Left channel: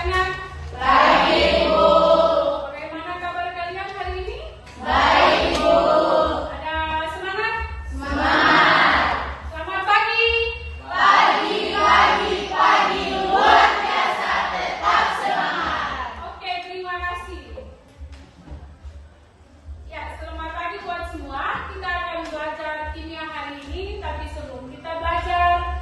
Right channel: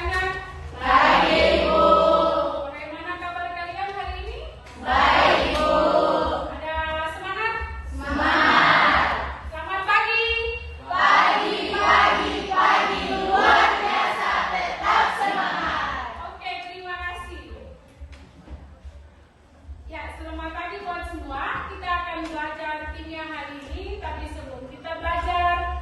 sana? Baik, Ibu. Bagaimana kabar kalian hari ini? Baik, Ibu. Ada semangat? Semangat. Selamat pagi. Pagi. Luar biasa, tetap semangat. Oke, terima kasih. Ya, selamat pagi buat semua. Kita akan belajar kimia hari ini, tapi sebelum kita belajar,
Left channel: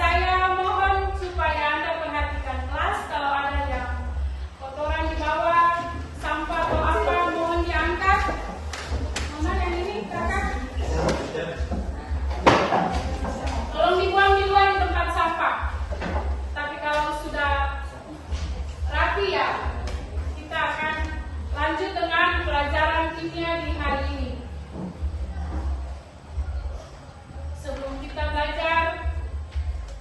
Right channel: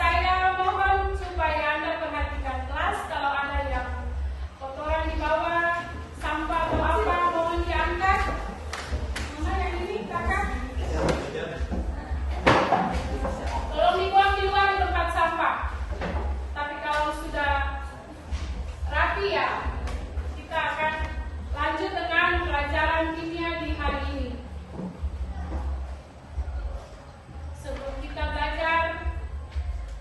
saya mohon supaya Anda perhatikan kelas. Kalau ada yang kotoran di bawah, sampah atau apa, mohon diangkat. Mana yang ini, kakak? Tolong dibuang di luar di tempat sampah. Tapi kalau sudah rapi ya, kita akan lanjut dengan pelajaran kimia di hari ini. Sebelum kita belajar,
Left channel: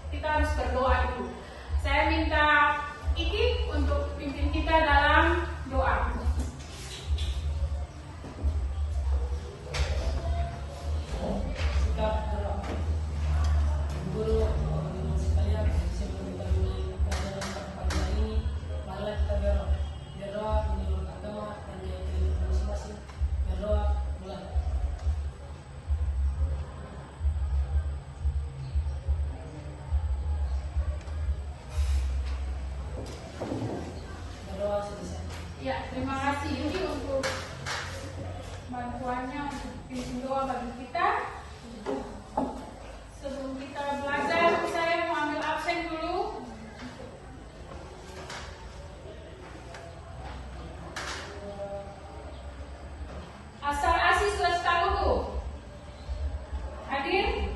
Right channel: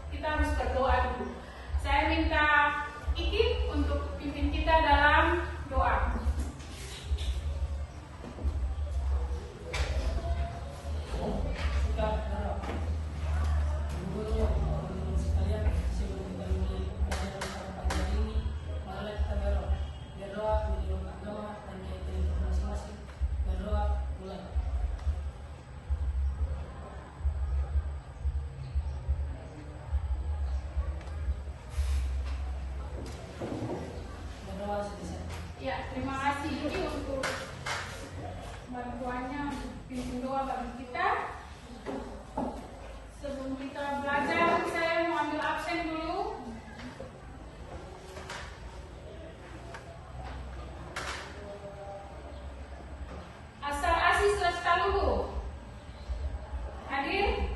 kita harus berdoa dulu. Saya minta Iki untuk pimpin kita dalam doa. Kita berdoa. Guru sekalian, sebelum kita mulai pelajaran pada pagi hari ini, marilah kita berdoa. Berdoa menurut agama dan keyakinan kita masing-masing. Berdoa mulai. Berdoa selesai. Ya, terima kasih Iki untuk bantuannya untuk pimpin doa bagi kita. Sebelum kita belajar, saya mau ambil absen dulu. Asal Asis Lestaluhu hadir.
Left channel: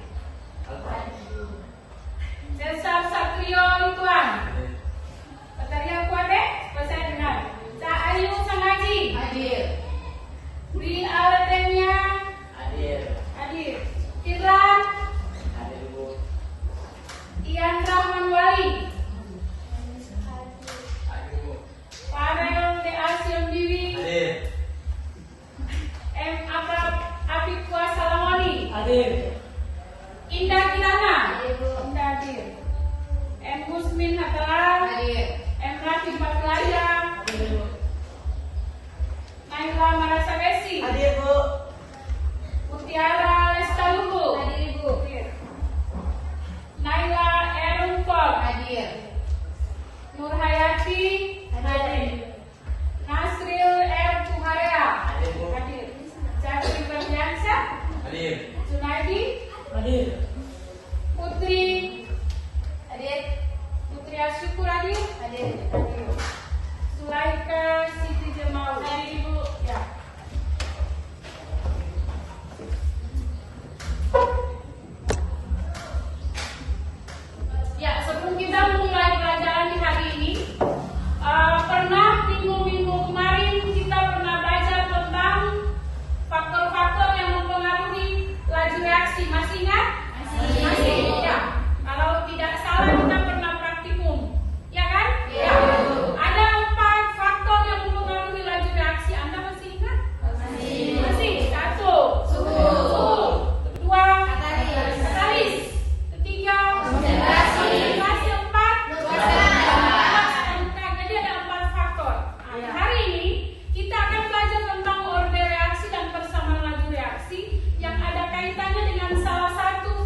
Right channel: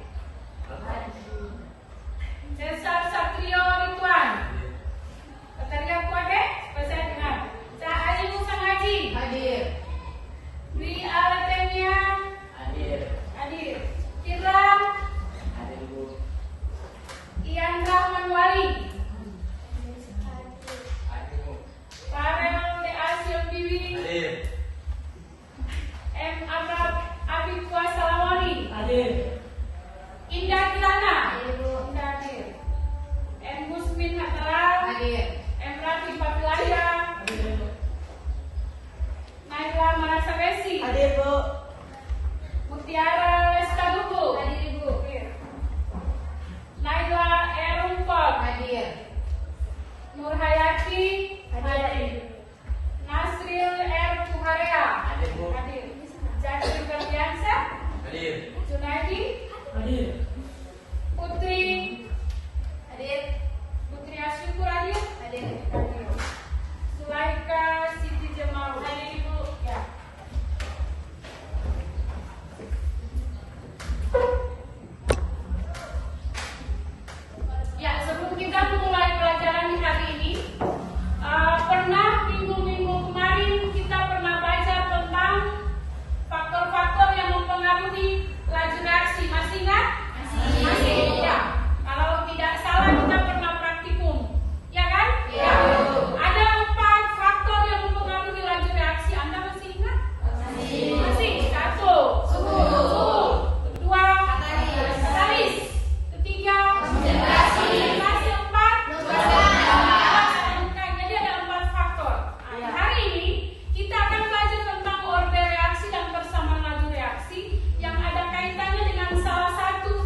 Cesar Satrio Rituan. Batarian Kuade, saya dengar. Cak Ayu Sangaji. Hadir. Dwi Aladenia. Hadir. Kiran. Ian Rahman Wali. Farel De Asyam Biwi. M. Apik Kuasa Lamoni. Hadir. Indah Kirana. Indah hadir. M. Musmin Hatala. Hadir. M. Rafi Patulaya. Naila Marasabesi. Hadir, Bu. Mutiara Lestaluhu. Hadir, Ibu. Naila Erungkol. Hadir. Nur Hayati. Hadir. Nasril R. Tuharea. Hadir. Hadir. Jafri Berdiansa. Junaidi. Hadir. Putri. Hadir. Putri Asyukur hadir. Hadir. Hadir. Sulaika Siti Jemaul. Hadir Ibu. Ya. Ya, sebelum kita memulai pelajaran di hari ini, pernah minggu-minggu kemarin kita pernah belajar tentang faktor-faktor yang mempengaruhi laju reaksi. Masih ingat? Masih. Ya. Kalau tidak salah kita pernah praktikum, ya kan? Ya. Ada 4 faktor yang mempengaruhi laju reaksi. Anda masih ingat? Masih. 1. Suhu. 2. Katalis. 3. Konsentrasi. 4. Jadi ada 4 faktor. Nah, hari ini kita akan belajar tentang orde reaksi dan persamaan laju reaksi yang ada kaitannya dengan salah satu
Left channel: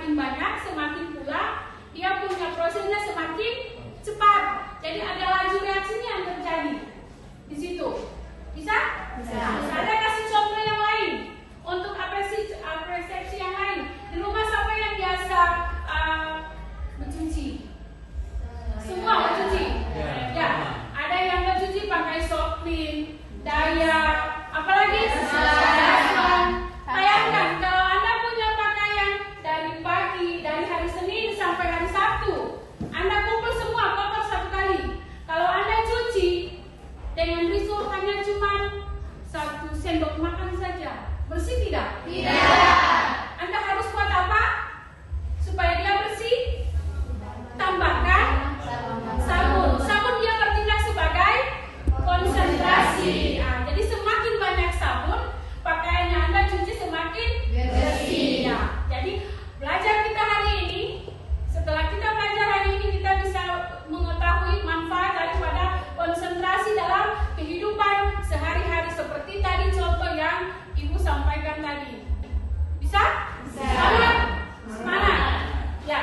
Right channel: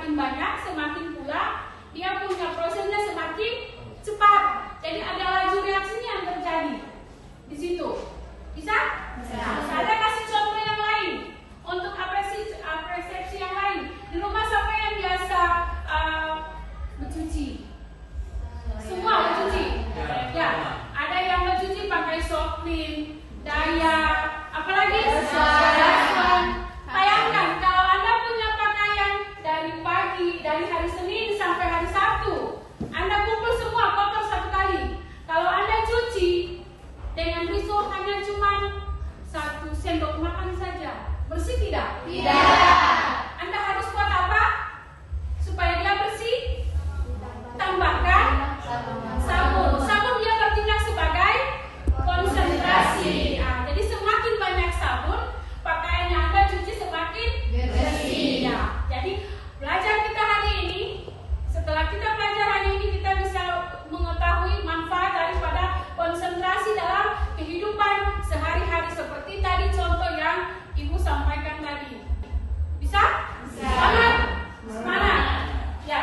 semakin banyak, semakin pula dia punya prosesnya semakin cepat. Jadi ada laju reaksinya yang terjadi di situ. Bisa? Ada kasih contoh yang lain untuk apresiasi yang lain. Di rumah siapa yang biasa mencuci? Semua mencuci. Ya, ada yang mencuci pakai soft clean, daya, apalagi bayangkan kalau Anda punya pakaian dari pagi, dari hari Senin sampai hari Sabtu, Anda kumpul semua kotor satu kali. Kalau Anda cuci dengan result hanya cuma 1 sendok makan saja, bersih tidak? Tidak. Anda harus buat apa supaya dia bersih? Tambahkan sabun. Sabun dia bertindak sebagai konsentrasi. Nah, jadi semakin banyak sabun, pakaian yang Anda cuci semakin bersih. Ya, jadi belajar kita hari ini, setelah kita belajar hari ini, kita bisa mengetahui manfaat daripada konsentrasi dalam kehidupan sehari-hari seperti tadi contoh yang Ibu sampaikan tadi. Bisa? Semangat? Semangat. Ya.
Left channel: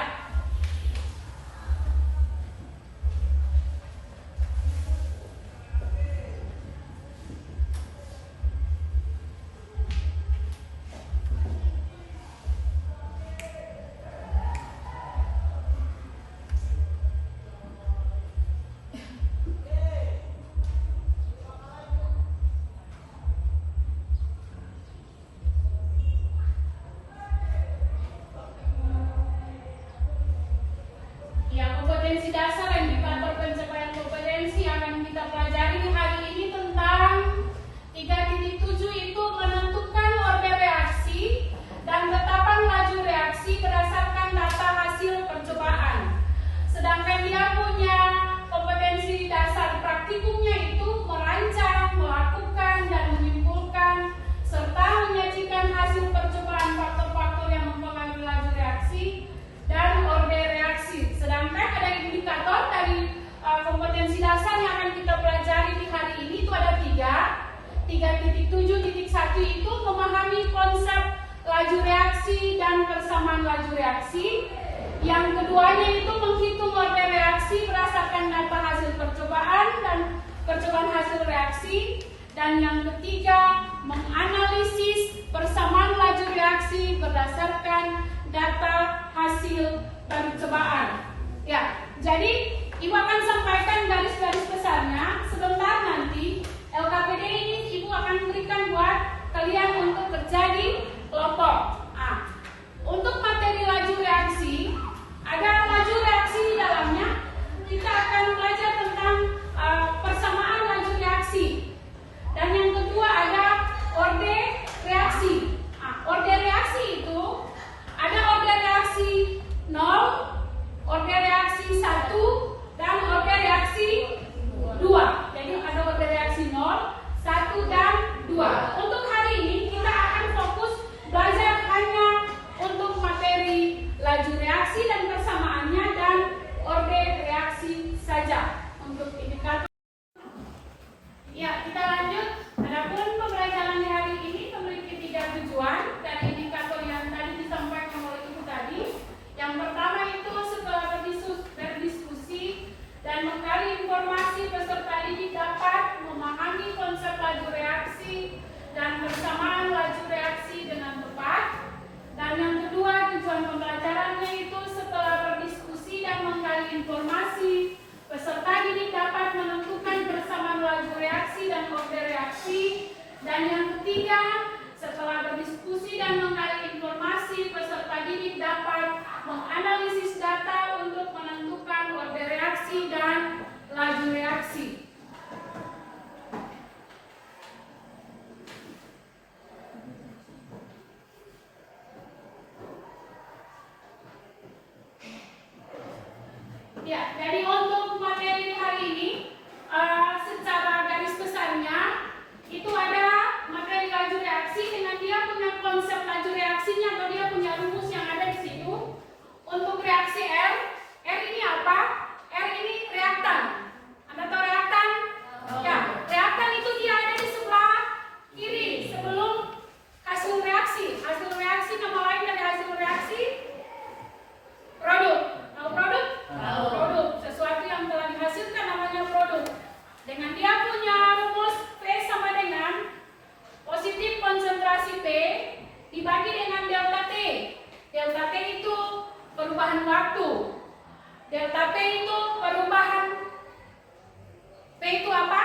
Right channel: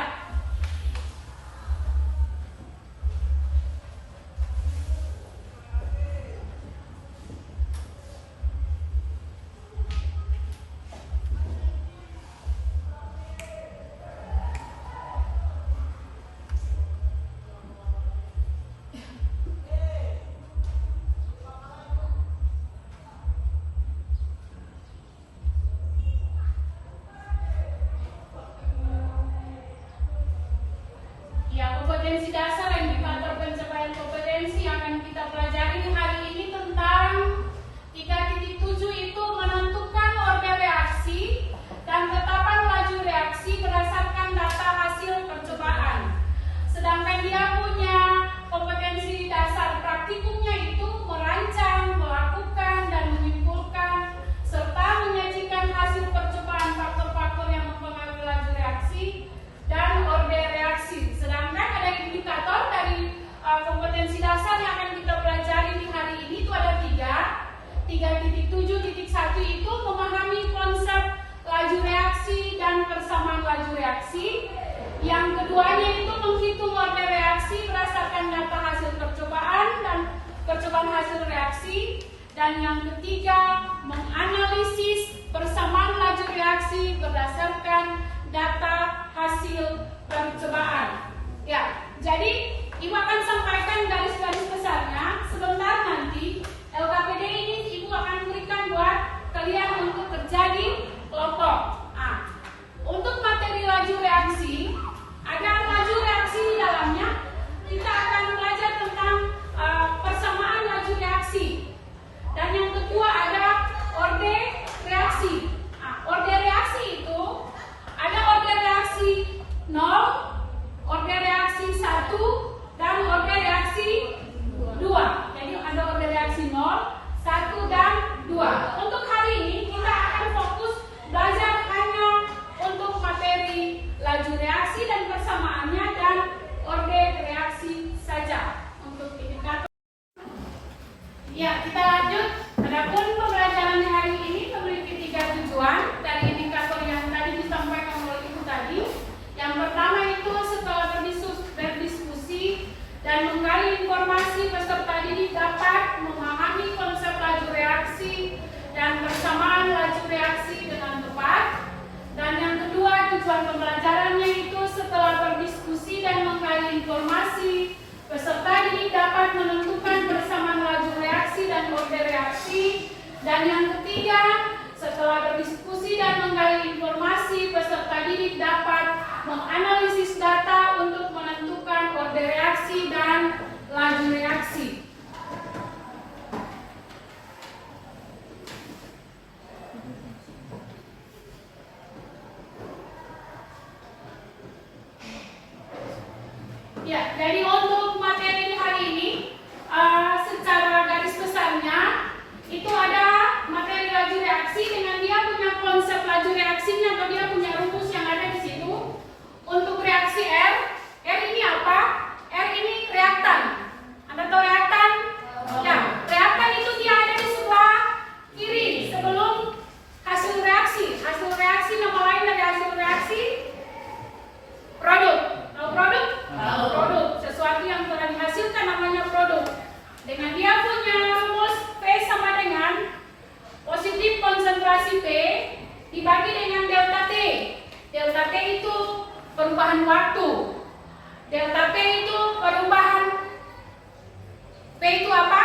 Ya, kompetensi dasar indikator pencapaian kompetensi akan kita pelajari hari ini tentang 3.7 itu menentukan orde reaksi dan penetapan laju reaksi berdasarkan data hasil percobaan. Sedangkan dia punya kompetensi dasar praktikumnya itu merancang, melakukan, dan menyimpulkan serta menyajikan hasil percobaan faktor-faktor yang mempengaruhi laju reaksi dan orde reaksi. Sedangkan ada indikator dari kompetensi dasar yang akan kita pelajari di hari ini itu ada 3.7.1 itu memahami konsep laju reaksi dan persamaan laju reaksi. Yang keduanya itu menghitung orde reaksi berdasarkan data hasil percobaan dan percobaan hasil reaksi. Dan yang ketiga menganalisis persamaan laju reaksi berdasarkan data hasil percobaan. Ya, jadi Ibu akan sampaikan garis-garis besarnya. Sebentar nanti LKPD ini Ibu akan berikan buat kalian untuk kerja di kelompok. Untuk materi laju reaksi, ada laju reaksi di dalamnya. Kita akan belajar tentang persamaan laju reaksi. Dan yang kedua ada orde reaksi. Orde reaksi itu ada orde reaksi 0, orde reaksi 1, dan orde reaksi 2. Jadi ada orde reaksi 0, 1, dan 2. Untuk hari ini kita akan fokus belajar hanya untuk materi laju reaksi dan persamaannya dan orde reaksi saja untuk indikator. Ya, kita lanjut. Adapun pembelajaran di hari ini memiliki 3 tujuan dari indikator yang tadi disampaikan oleh Ibu tadi. Yang pertama itu setelah berdiskusi dan menggali informasi, peserta didik dapat memahami konsep laju reaksi dan persamaan laju reaksi dengan tepat. Dan yang kedua, tujuan pembelajarannya itu setelah berdiskusi dan menggali informasi, peserta didik dapat menentukan persamaan laju reaksi dan orde reaksi. Dan yang ketiga, setelah berdiskusi dan menggali informasi, peserta didik dapat menganalisis data untuk menentukan orde reaksi dan laju reaksi. Ya, jadi untuk materi hari ini secara garis besarnya itu ada materi laju reaksi dengan dia punya konsep laju reaksinya atau dia punya rumus yang ada di situ. Untuk reaksi R ini apa? R ini reaktan. Anda tahu reaktan? Ya, reaktan itu dia ada di sebelah kiri sebelum hasil reaksi. Hasil reaksi nama lain dari hasil reaksi perubahan waktu. Delta P itu perubahan, P itu apa?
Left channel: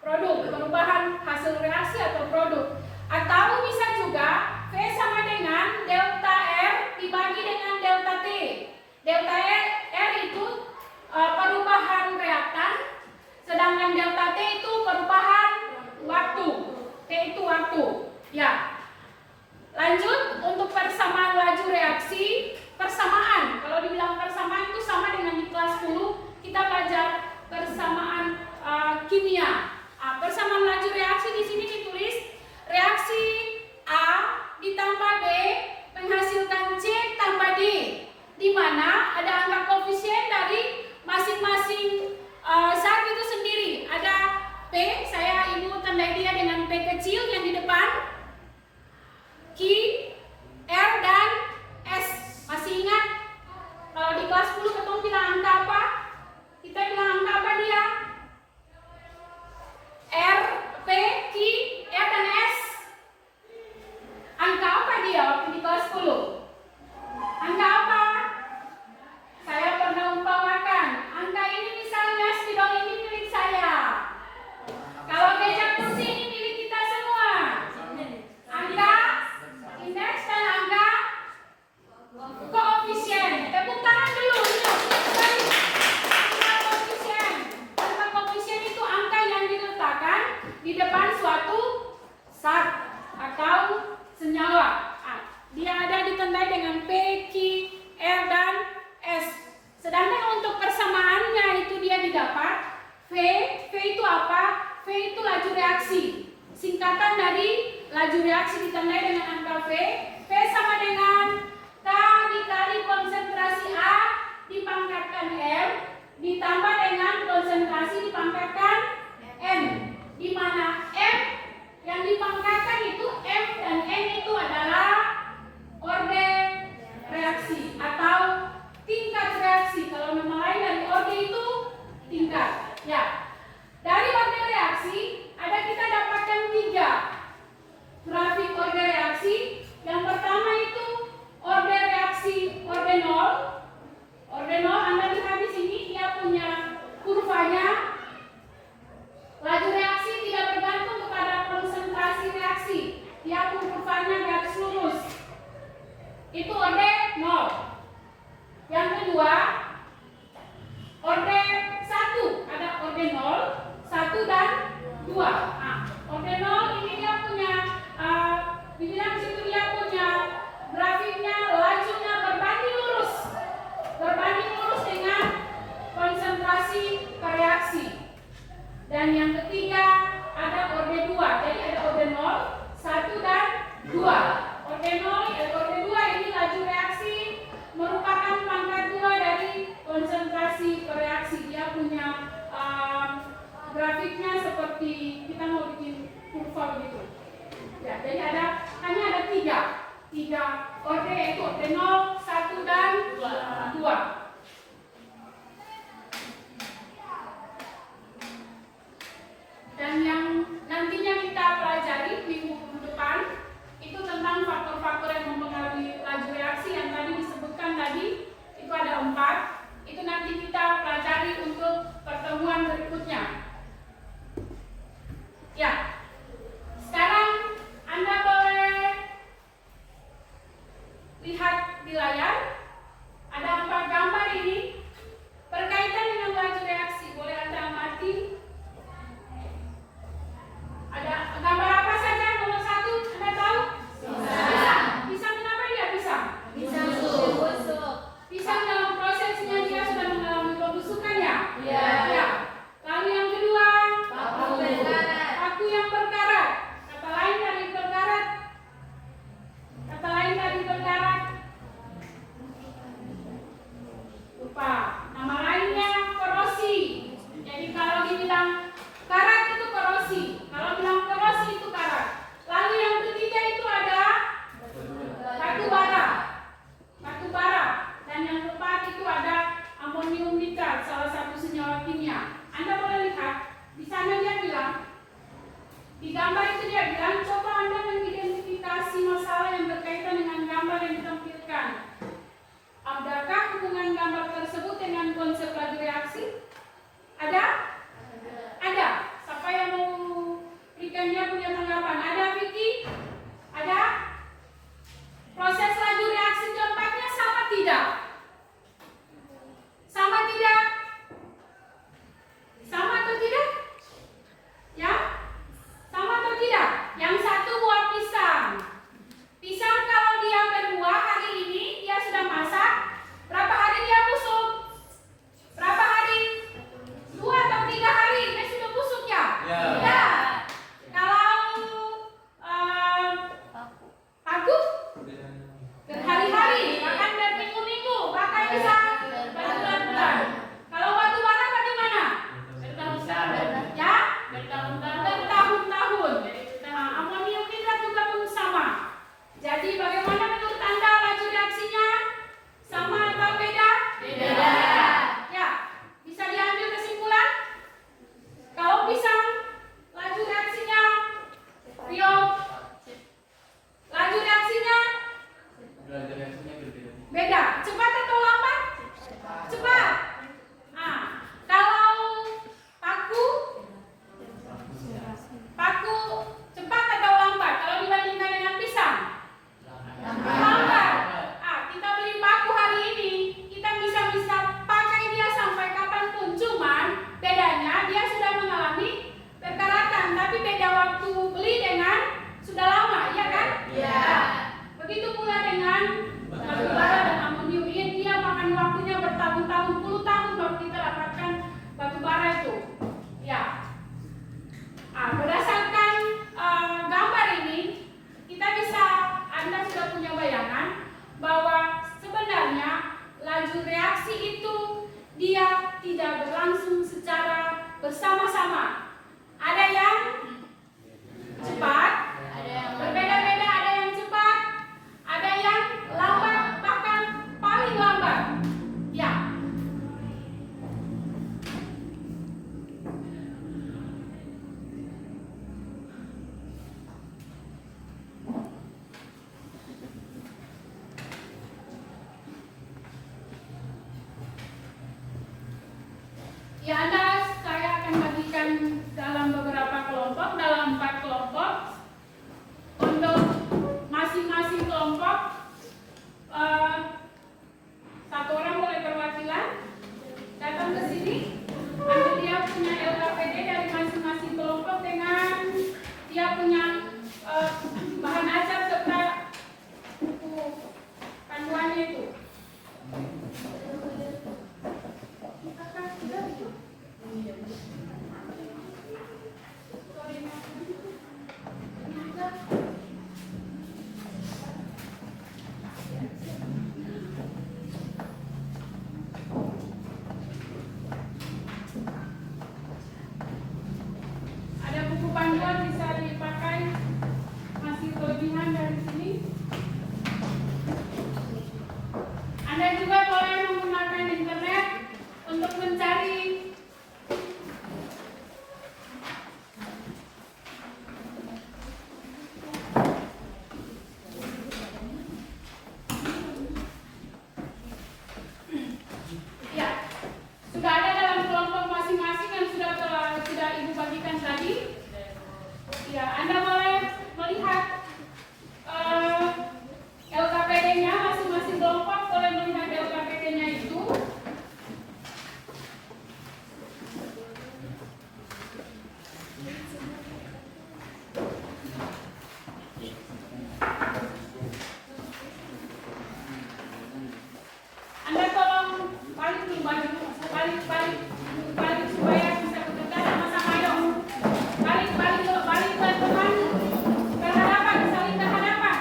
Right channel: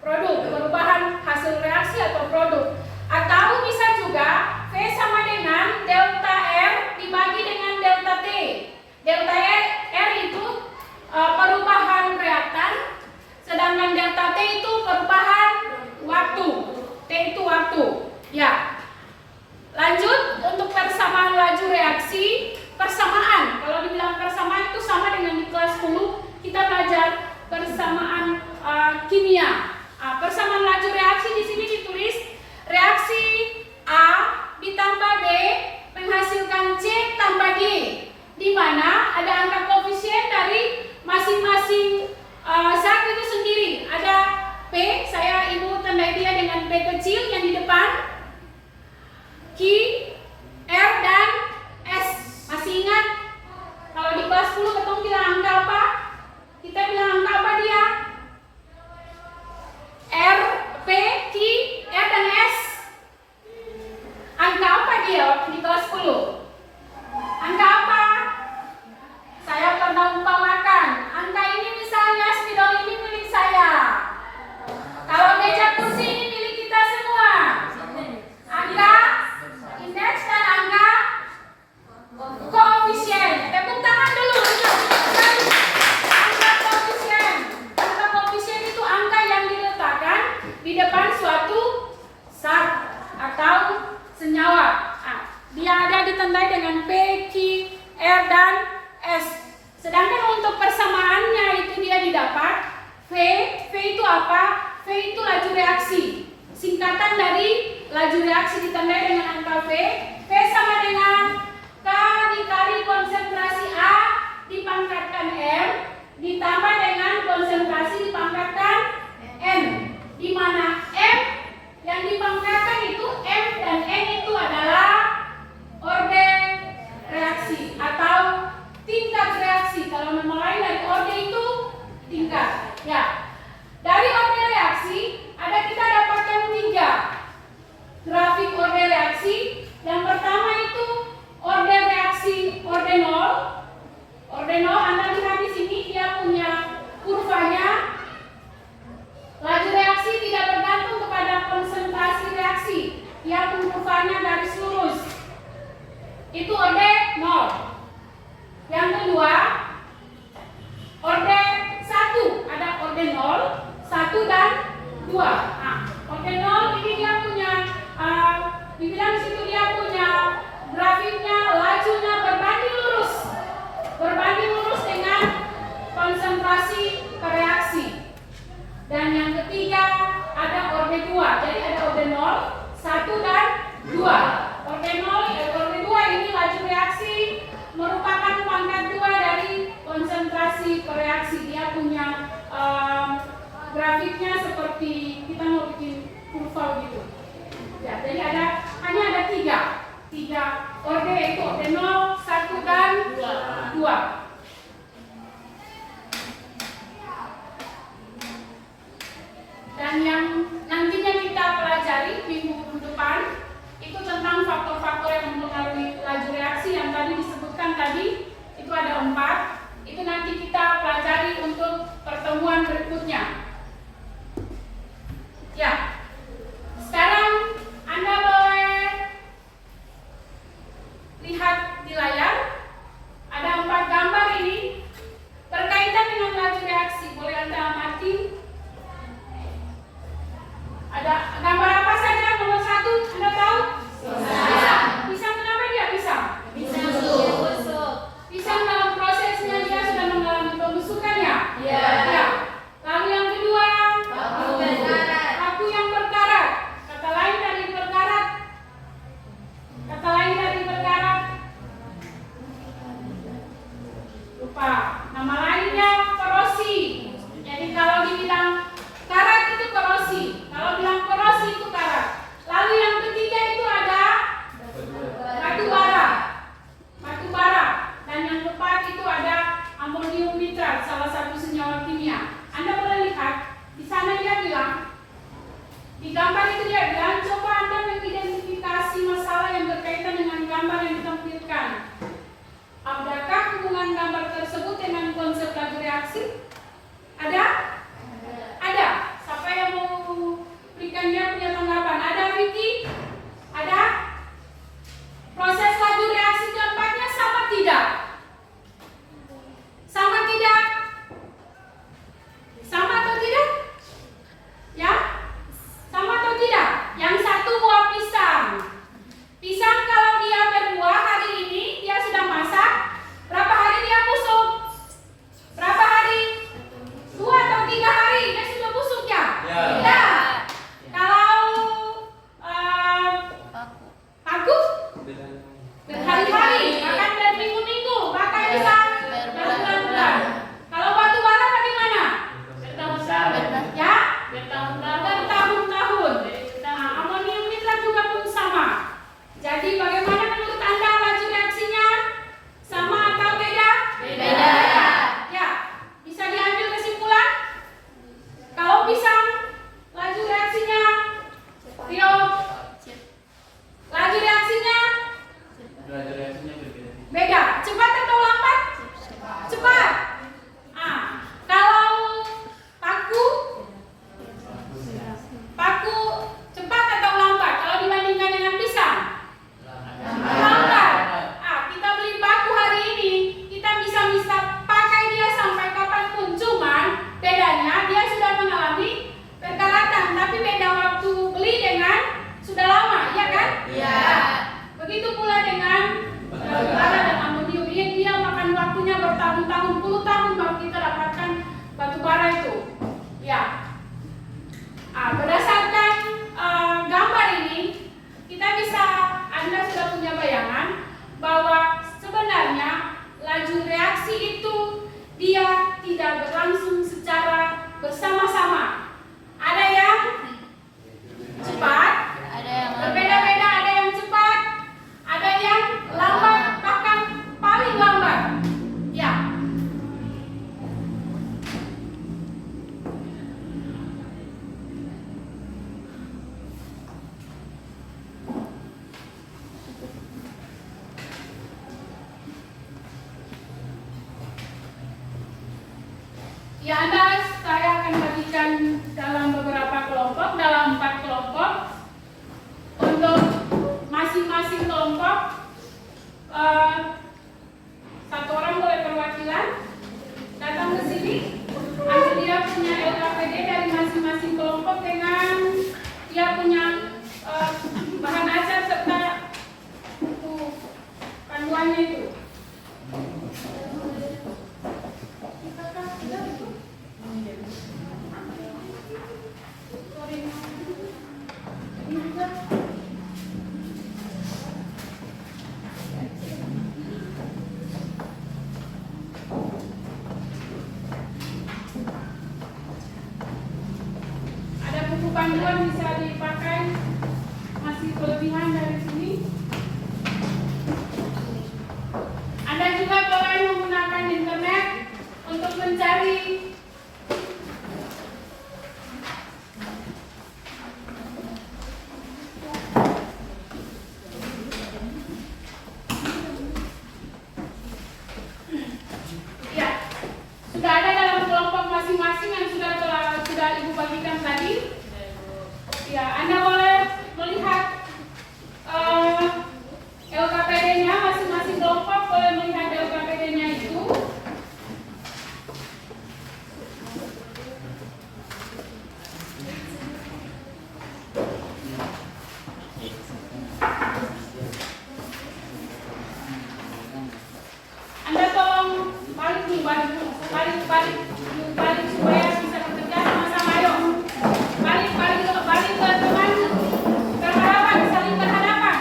Produk, perubahan hasil reaksi atau produk. Atau bisa juga V sama dengan delta R dibagi dengan delta T. Delta R itu perubahan reaktan, sedangkan delta T itu perubahan waktu. T itu waktu. Ya. Lanjut untuk persamaan laju reaksi. Persamaan, kalau dibilang persamaan itu sama dengan di kelas 10 kita belajar persamaan kimia. Persamaan laju reaksi di sini ditulis reaksi A ditambah B menghasilkan C tambah D, di mana ada angka koefisien dari masing-masing zat itu sendiri. Ada P, saya ibu tandai dia dengan P kecil yang di depan, Q, R dan S. Masih ingat? Kalau di kelas 10 ketemu bilang angka apa? Kita bilang angka apa dia? R, P, Q, R dan S. Angka apa dia waktu di kelas 10? Angka apa? Saya pernah umpamakan. Angka ini misalnya spidol ini milik saya. Kalau meja kursi ini milik kita semua. Angka indeks dan angka koefisien. Tepuk tangan dulu. Angka koefisien. Angka koefisien itu angka yang diletakkan di depan suatu zat atau senyawa. Dia ada ditandai dengan P, Q, R dan S. Sedangkan untuk persamaannya itu dia didapat V. V itu apa? V itu laju reaksi. Singkatan dari laju reaksi ditandai dengan angka V. V sama dengan K dikali konsentrasi A dipangkatkan M ditambah dengan konsentrasi dipangkatkan N, di mana M yang dipangkatkan itu M dan N itu adalah orde reaksi atau tingkat reaksi. Kalau memulai dari orde itu tingkat. Ya, dari orde reaksi ada kita dapatkan 3 grafik orde reaksi. Yang pertama itu orde reaksi orde 0. Orde 0 Anda lihat di sini dia punya kurvanya. Laju reaksi tidak bergantung kepada konsentrasi reaksi. Dia pun kurvanya garis lurus. Itu orde 0. Yang kedua, orde 1 ada orde 0. tidak? Sama tidak? Sama atau tidak? Ya? Sama atau tidak? Yang satu buah pisang. Pisang kalau dia berbuah hari ini, dia sudah masak. Berapa hari dia busuk? Berapa hari? 2 atau 3 hari dia sudah busuk ya? Ya. Ya. Kalau paku? Berhari-hari, bahkan berminggu-minggu, bahkan bisa berbulan-bulan. Kalau batu bara bagaimana? Bertahun-tahun. Ya? Bertahun-tahun. Bertahun-tahun. Amonium nitrat juga pun sama. Jadi bagaimana menurut Anda laju reaksinya? Sama atau beda? Beda. Ya, bisa diambil kesimpulan? Kalau pisang, laju reaksinya? Rio, laju reaksinya? Beda. Cepat atau lambat? Cepat. Kalau paku? Paku cepat atau lambat? Kalau dibandingkan dengan pisang? Lambat. Kita beli paku hari ini, kita bisa pakai dia sampai kapanpun. Cuman bedanya dia sudah mengalami perkaratan, tapi beda waktu beli dengan sudah lama, ya kan? Iya. Begitu pula dengan batu bara dan amonium. Ini dia makan waktunya bertahun-tahun, puluh tahun baru kita dapatkan batu bara itu. Ya. Berdasarkan gambar ini, kita bisa, Anda sudah punya bayangan bahwa sebenarnya laju reaksi itu dia tidak berlangsung secara bersama-sama. Ada yang cepat, Ada yang berbeda-beda, ada yang cepat, ada yang lambat, bahkan paling lambat. Ya. Ya, saya akan bagikan dalam beberapa kelompok, dalam 4 kelompok. Untuk masing-masing kelompok, satu orang boleh perwakilan datang ke sini. Ambil dia punya LKPD dari masing-masing kelompok dengan dia punya bahan ajar serta buku panduannya itu. Ada buku panduan bisa dipakai, masih kelebihan dari sini. Anda juga boleh menggunakan internet untuk mencari ya, sudah ada dalam kelompok masing-masing yang sudah Ibu bagikan tadi. Ya, Anda boleh melihat LKPD-nya, masing-masing kelompok boleh melihat LKPD-nya itu. Anda tolong balik supaya bisa bekerja sama-sama. Yuk, balik ke tengah, berhadapan, saling berhadapan.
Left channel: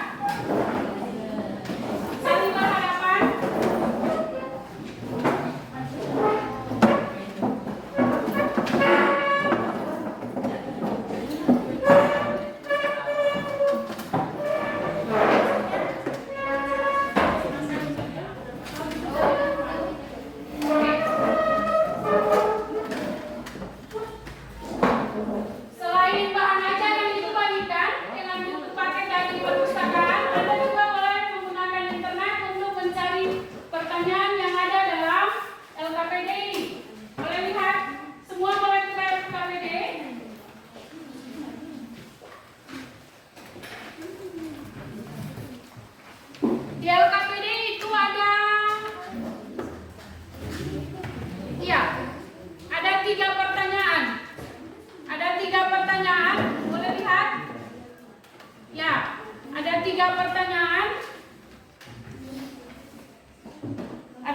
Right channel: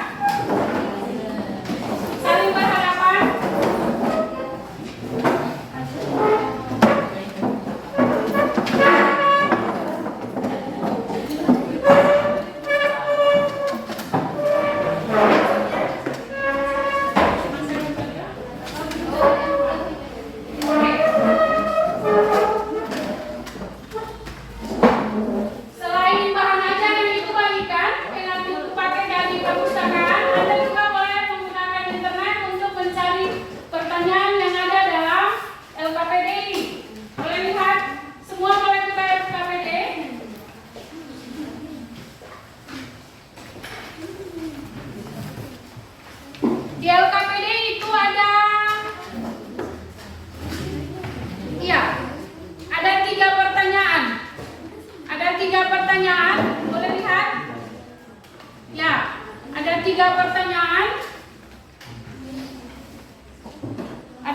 Di LKPD itu ada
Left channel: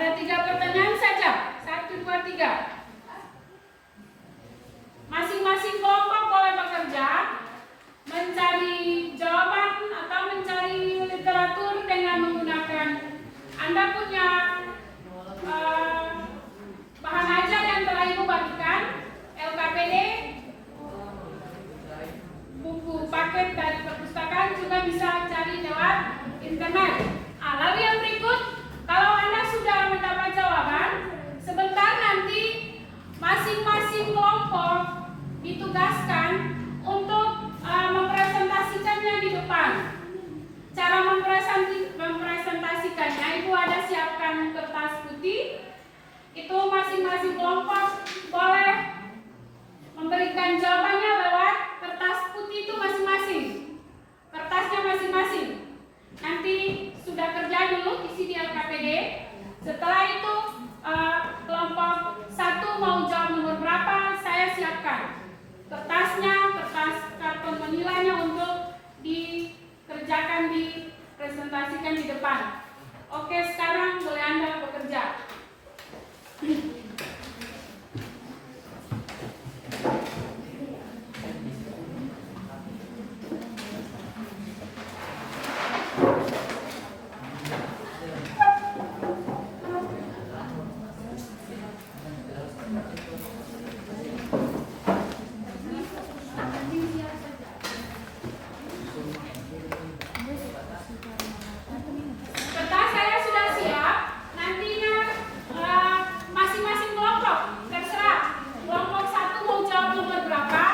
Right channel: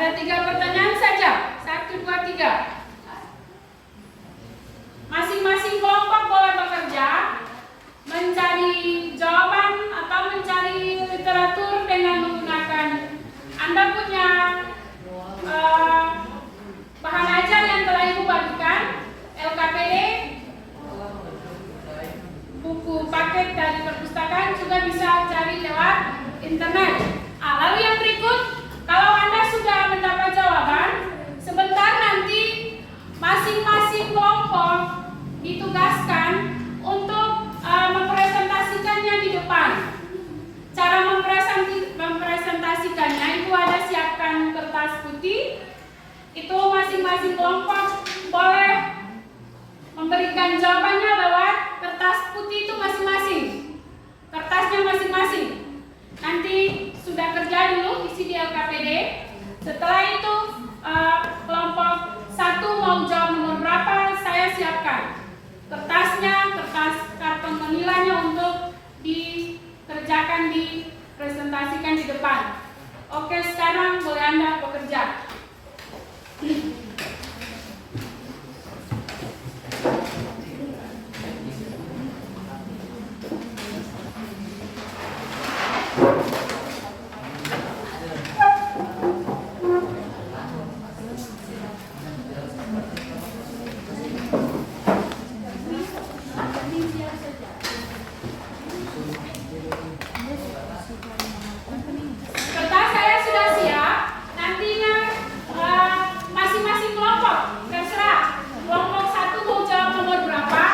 Ada 3 pertanyaan saja. 1, 2, 3. Masing-masing kelompok boleh bekerja mencari jawaban atau mencari literatur dengan menggunakan Anda punya bahan ajar yang telah Ibu bagikan, LKPD, buku paket dari perpustakaan, juga bisa cari lewat internet. Lalu yang berikut, kalau Anda sudah mendapat jawaban, sebentar nanti masing-masing kelompok ditugaskan untuk mempresentasikannya di depan. Cara mempresentasikannya, Ibu ada siapkan kertas putih. Itu masing-masing kelompok boleh memberikan jawabannya lewat kertas putih itu masing-masing. Kertasnya masing-masing. Nanti sudah kerja dulu isi di LKPD. Setelah itu kelompok 1 mau jawab nomor berapa, saya siapkan kertasnya, kertas karton penilainya untuk dikerjakan, dipresentasikan di depan. Oke, sekarang boleh Anda bekerja. Kertas saya sudah siap. Nantinya masing-masing kelompok terserah. Kelompok 1 mau jawab nomor berapa,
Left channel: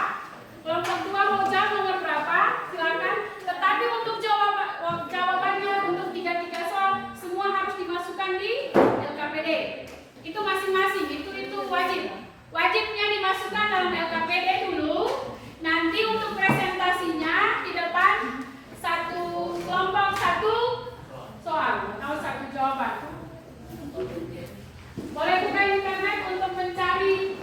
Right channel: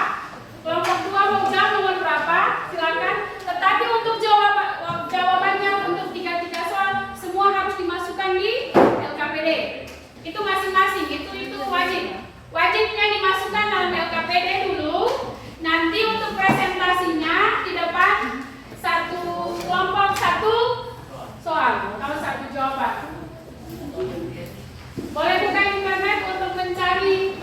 kelompok 2 mau jawab nomor berapa, silakan. Tetapi untuk jawabannya untuk 3 soal semua harus dimasukkan di LKPD. Itu masing-masing, itu wajib. Wajibnya dimasukkan dalam LKPD dulu. Nanti untuk presentasinya di depan satu kelompok 1 soal atau 1 jawaban. Boleh buka internet untuk mencari.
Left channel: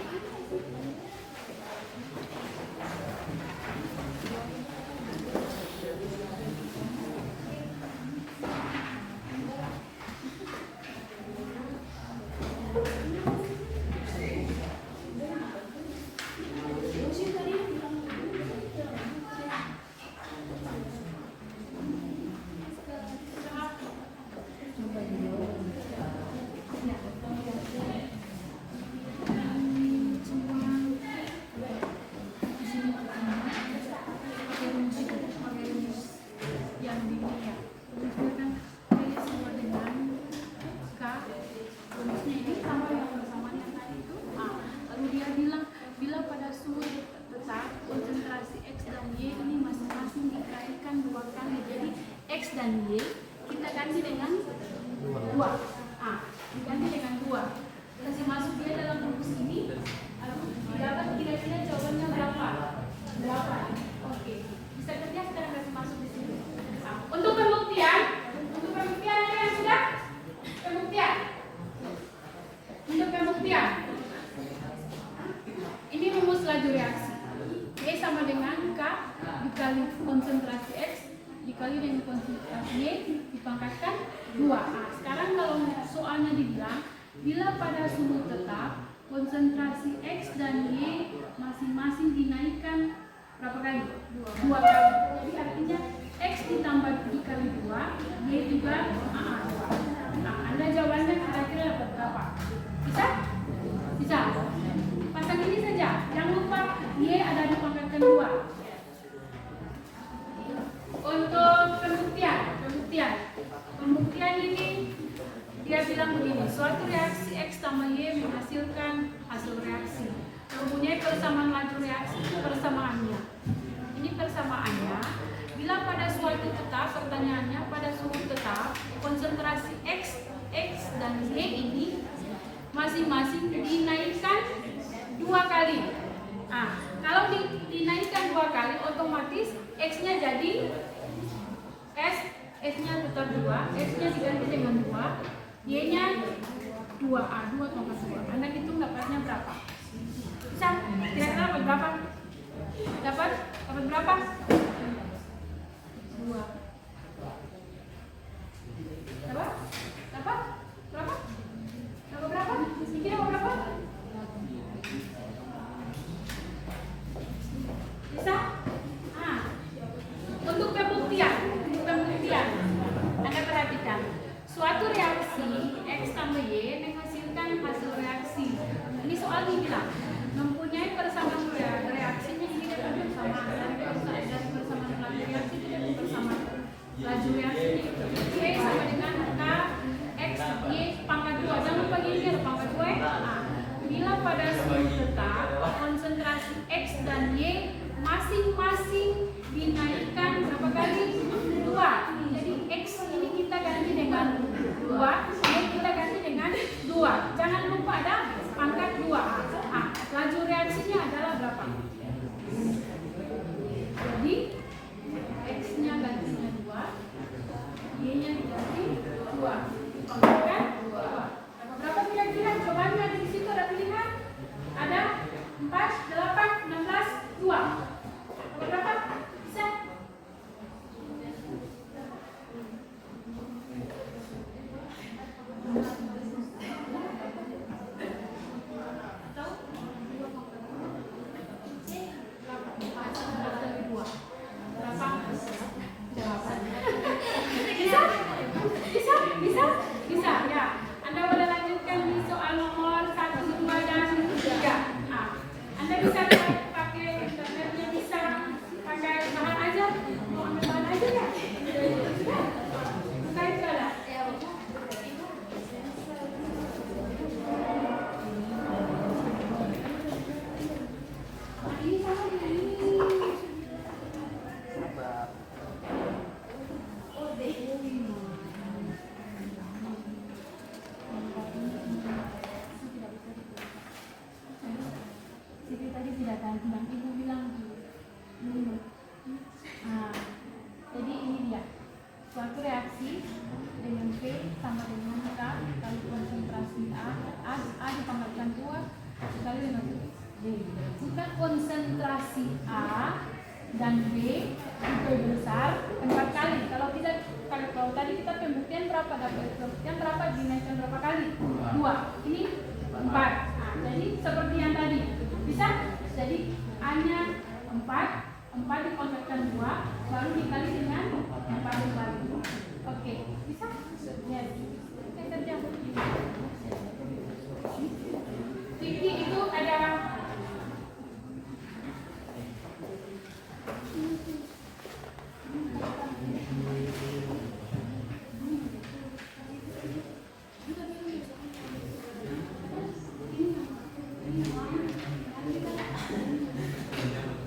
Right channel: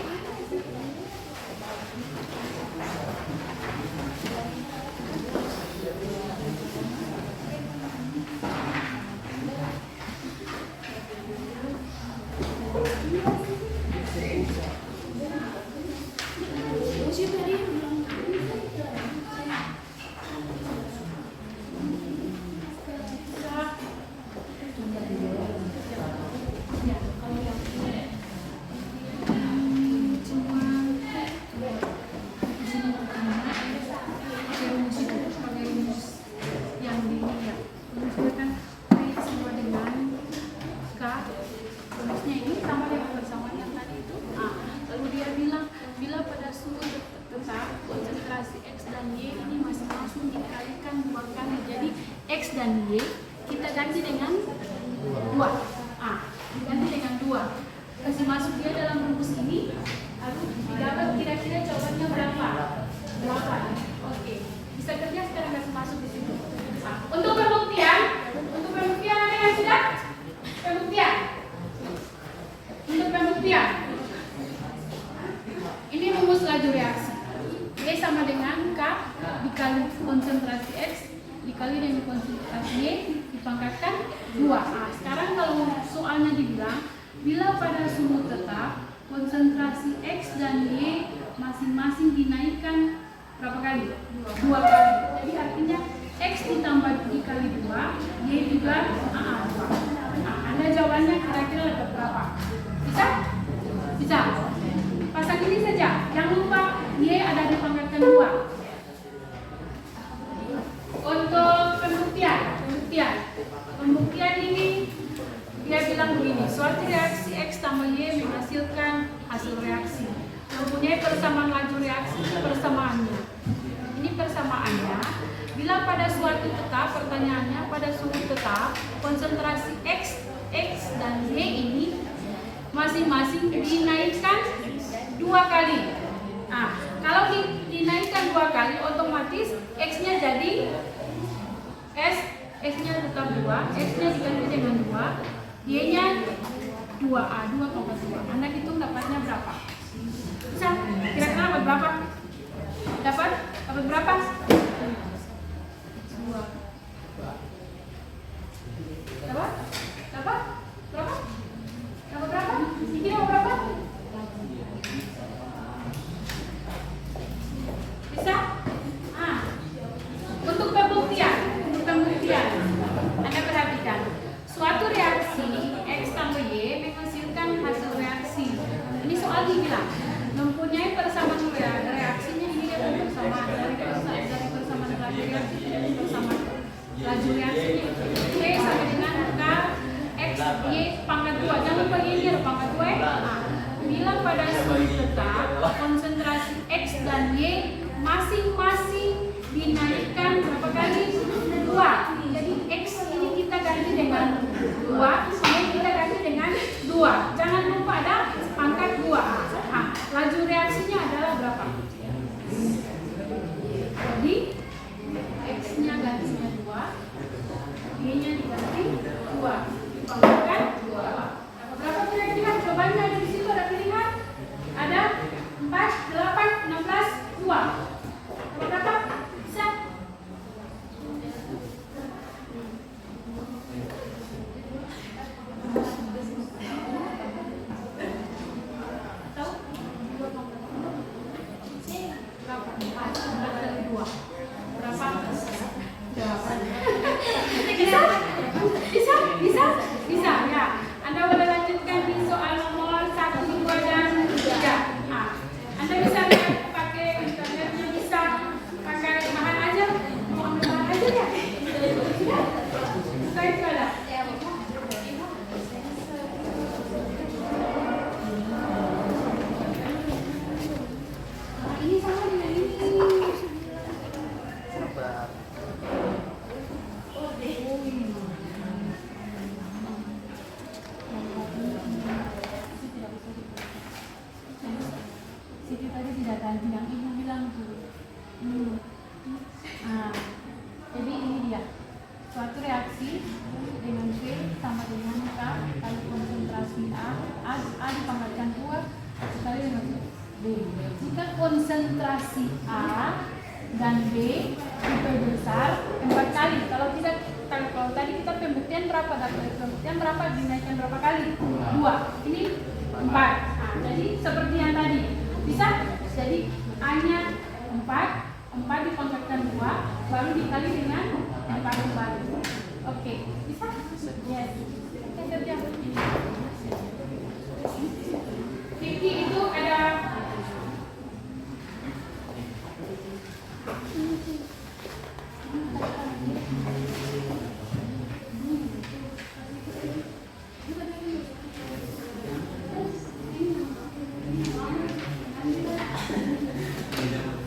X dan Y kita ganti dengan 2. Diganti dengan 2. Kasih masuk dia dalam rumus ini, lalu didapat kira-kira jawabannya berapa? 8. Oke. Bisa kerja sekarang, kasih masuk di situ. Untuk pembuktian ada yang sudah? Pembuktian. Untuk pembuktian. Ini rumus laju reaksi. Y sama dengan K dikali konsentrasi X dikali dengan konsentrasi Y dipangkatkan 2. Sekarang kalau soalnya dibilang bila pada suhu tetap konsentrasi X dan Y masing-masing dinaikkan berapa kali? 2 kali. Jadi artinya X ditambah dikali 2, Y juga 2. Anda jawabannya kira-kira dapat berapa? Bisa? Bisa. Pasang ini saja. Jangan lupa Y ada dipangkatkan 2. Untuk pembuktian ini dia bilang begini, suatu reaksi X tambah Y menghasilkan hasil reaksi, mempunyai persamaan laju reaksi. Persamaannya, ini persamaannya bila pada suatu tetap, pertanyaannya pada suhu tetap konsentrasi X dan Y ini masing-masing dinaikkan 2 kali. Kalau dinaikkan 2 kali, otomatis X-nya jadi S-nya tetap 2, S-nya diganti dengan 2, Y-nya 2A, 2,2. Anda hitung dapatnya berapa? Bisa? Kira-kira dapat berapa? Dapat berapa? 2. Dapat? Berapa? bilang mempunyai persamaan reaksinya, ini dia pun persamaan dari persamaan laju reaksi dia pun persamaan laju reaksinya itu P sama dengan K X Y pangkat 2. Jangan lupa ini ada pangkat 2 ya. Nah, bila pada suhu tetap konsentrasi X dan Y masing-masing dinaikkan berapa kali? 2. Jadi X ini kita ganti dengan 2, Y kita ganti dengan 2. Jangan lupa ada pangkat 2. Laju reaksinya adalah berapa? Jadi X-nya gantinya 2, Y-nya diganti 2, dipangkatkan 2. Berapa kira-kira? Cobanya ada di situ, ada pilihan. Ada 4, 8, 16, 2. Berapa? Bisa? Atau 4 kali 2. Berapa? 8. Bisa ya. Anda boleh lanjutkan di soal nomor 1, 2, dan 3. Anda bisa pakai internetnya, bisa pakai bahan ajar, mau ambil bahan ajar ya? Sudah? Saya sudah. Ini sama dengan ini. Siti tadi tidak ganti yang ibu bilang dulu. Jadi ini dia suatu reaksi dengan P sama dengan K kali konsentrasi A dipangkatkan 2 sekali dengan B. Jika konsentrasi A dan B lebih besar 4 kali. Kalau tadi kita pembuktian berapa? Dapat pembuktian berapa dinaikkan berapa kali? 2. Ini 4. Jadi seperti yang tadi. Bisa? Jadi A-nya 4 dipangkatkan 2 baru dikali dengan 4 kembali. Oke, bisa? Yes. Kita kerja. Vicky itu ada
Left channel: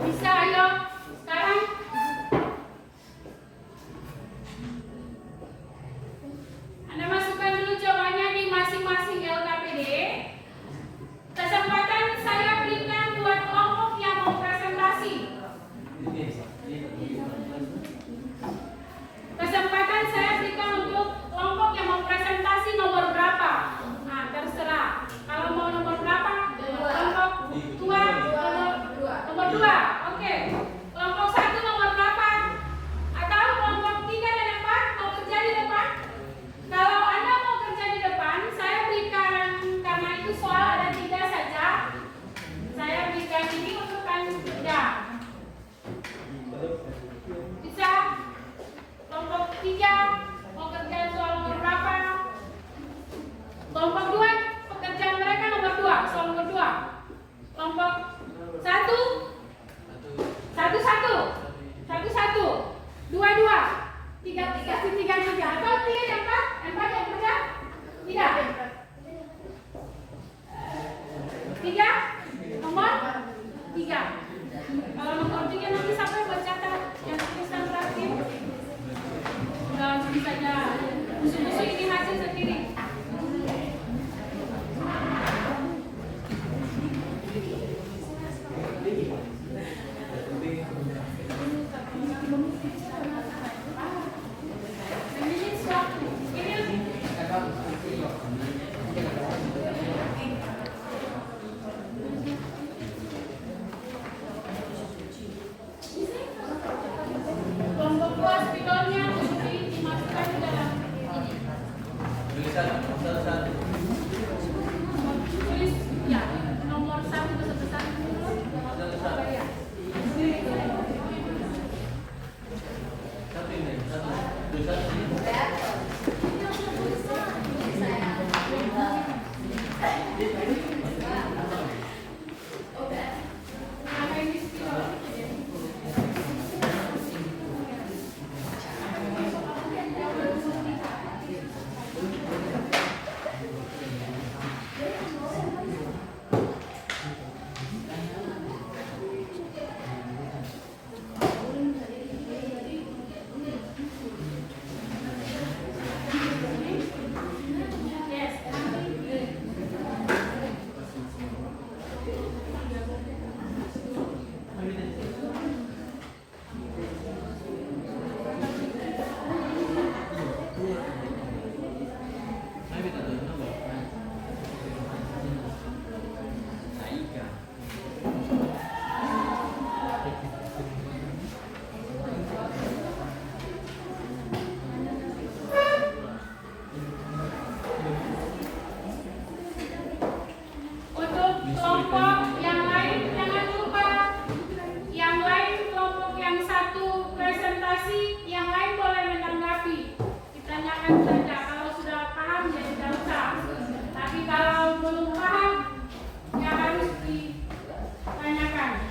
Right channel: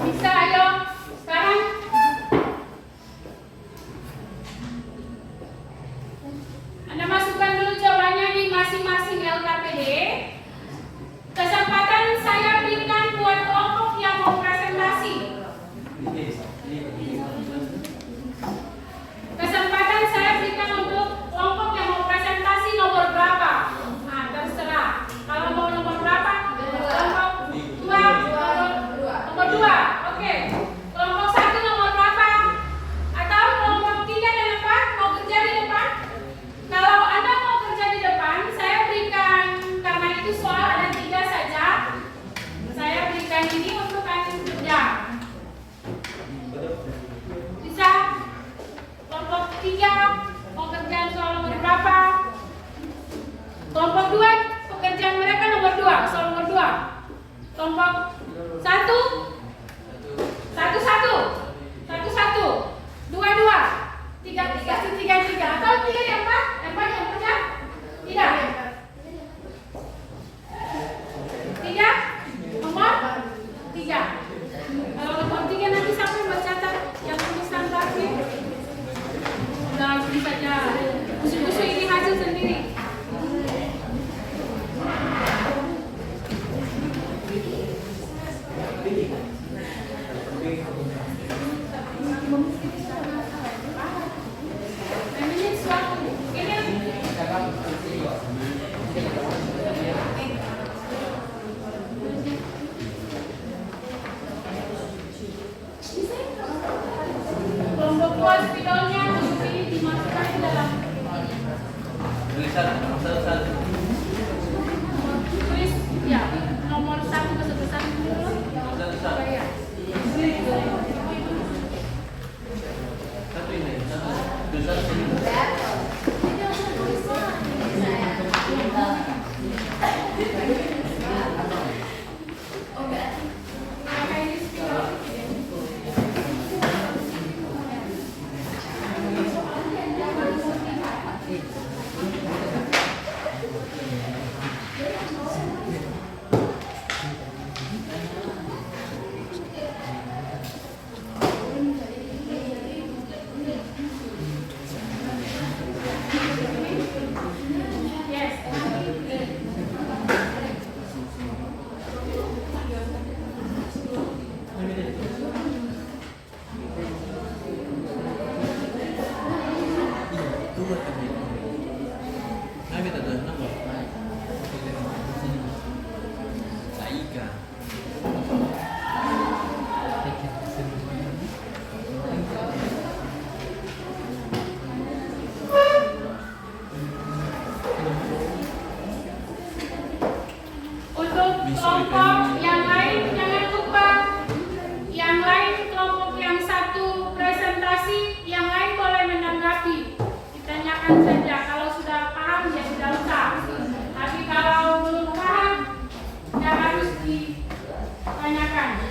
bisa, ayo sekarang. Anda masukkan dulu jawabannya di masing-masing LKPD. Kesempatan saya berikan buat kelompok yang mau presentasi. Kesempatan saya berikan untuk kelompok yang mau presentasi nomor berapa? Nah, terserah. Kalau mau nomor berapa? Kelompok 2, nomor 2. Oke. Kelompok 1 nomor berapa? Atau kelompok 3 dan 4 mau kerja di depan? Kalau Anda mau kerja di depan, saya berikan, karena itu soal ada 3 saja, saya berikan ini untuk Anda kerja. Bisa? Kelompok 3 mau kerjaan soal nomor berapa? Kelompok 2 pekerjaan mereka nomor 2, soal nomor 2. Kelompok 1 2 3 atau pilih yang 4 yang kerja? Tidak. 3 nomor 3. Kalau nomor 3 nanti sampai mencatat yang tulisan terakhir. Udah langsung saja. Musuh-musuh ini hasil sendiri. Kelompok puas spidolnya dimasukkan ke dalam tulis ya nomor 1 kesebelasan dulu. Apa ya? kelompok yang lain jangan lupa, yang lain kelompok yang satu presentasi, yang lain boleh menanggapi, ditanyakan saja. Kalau sudah paham ya sudah usah, tapi kalau belum paham ya harus ditanyakan.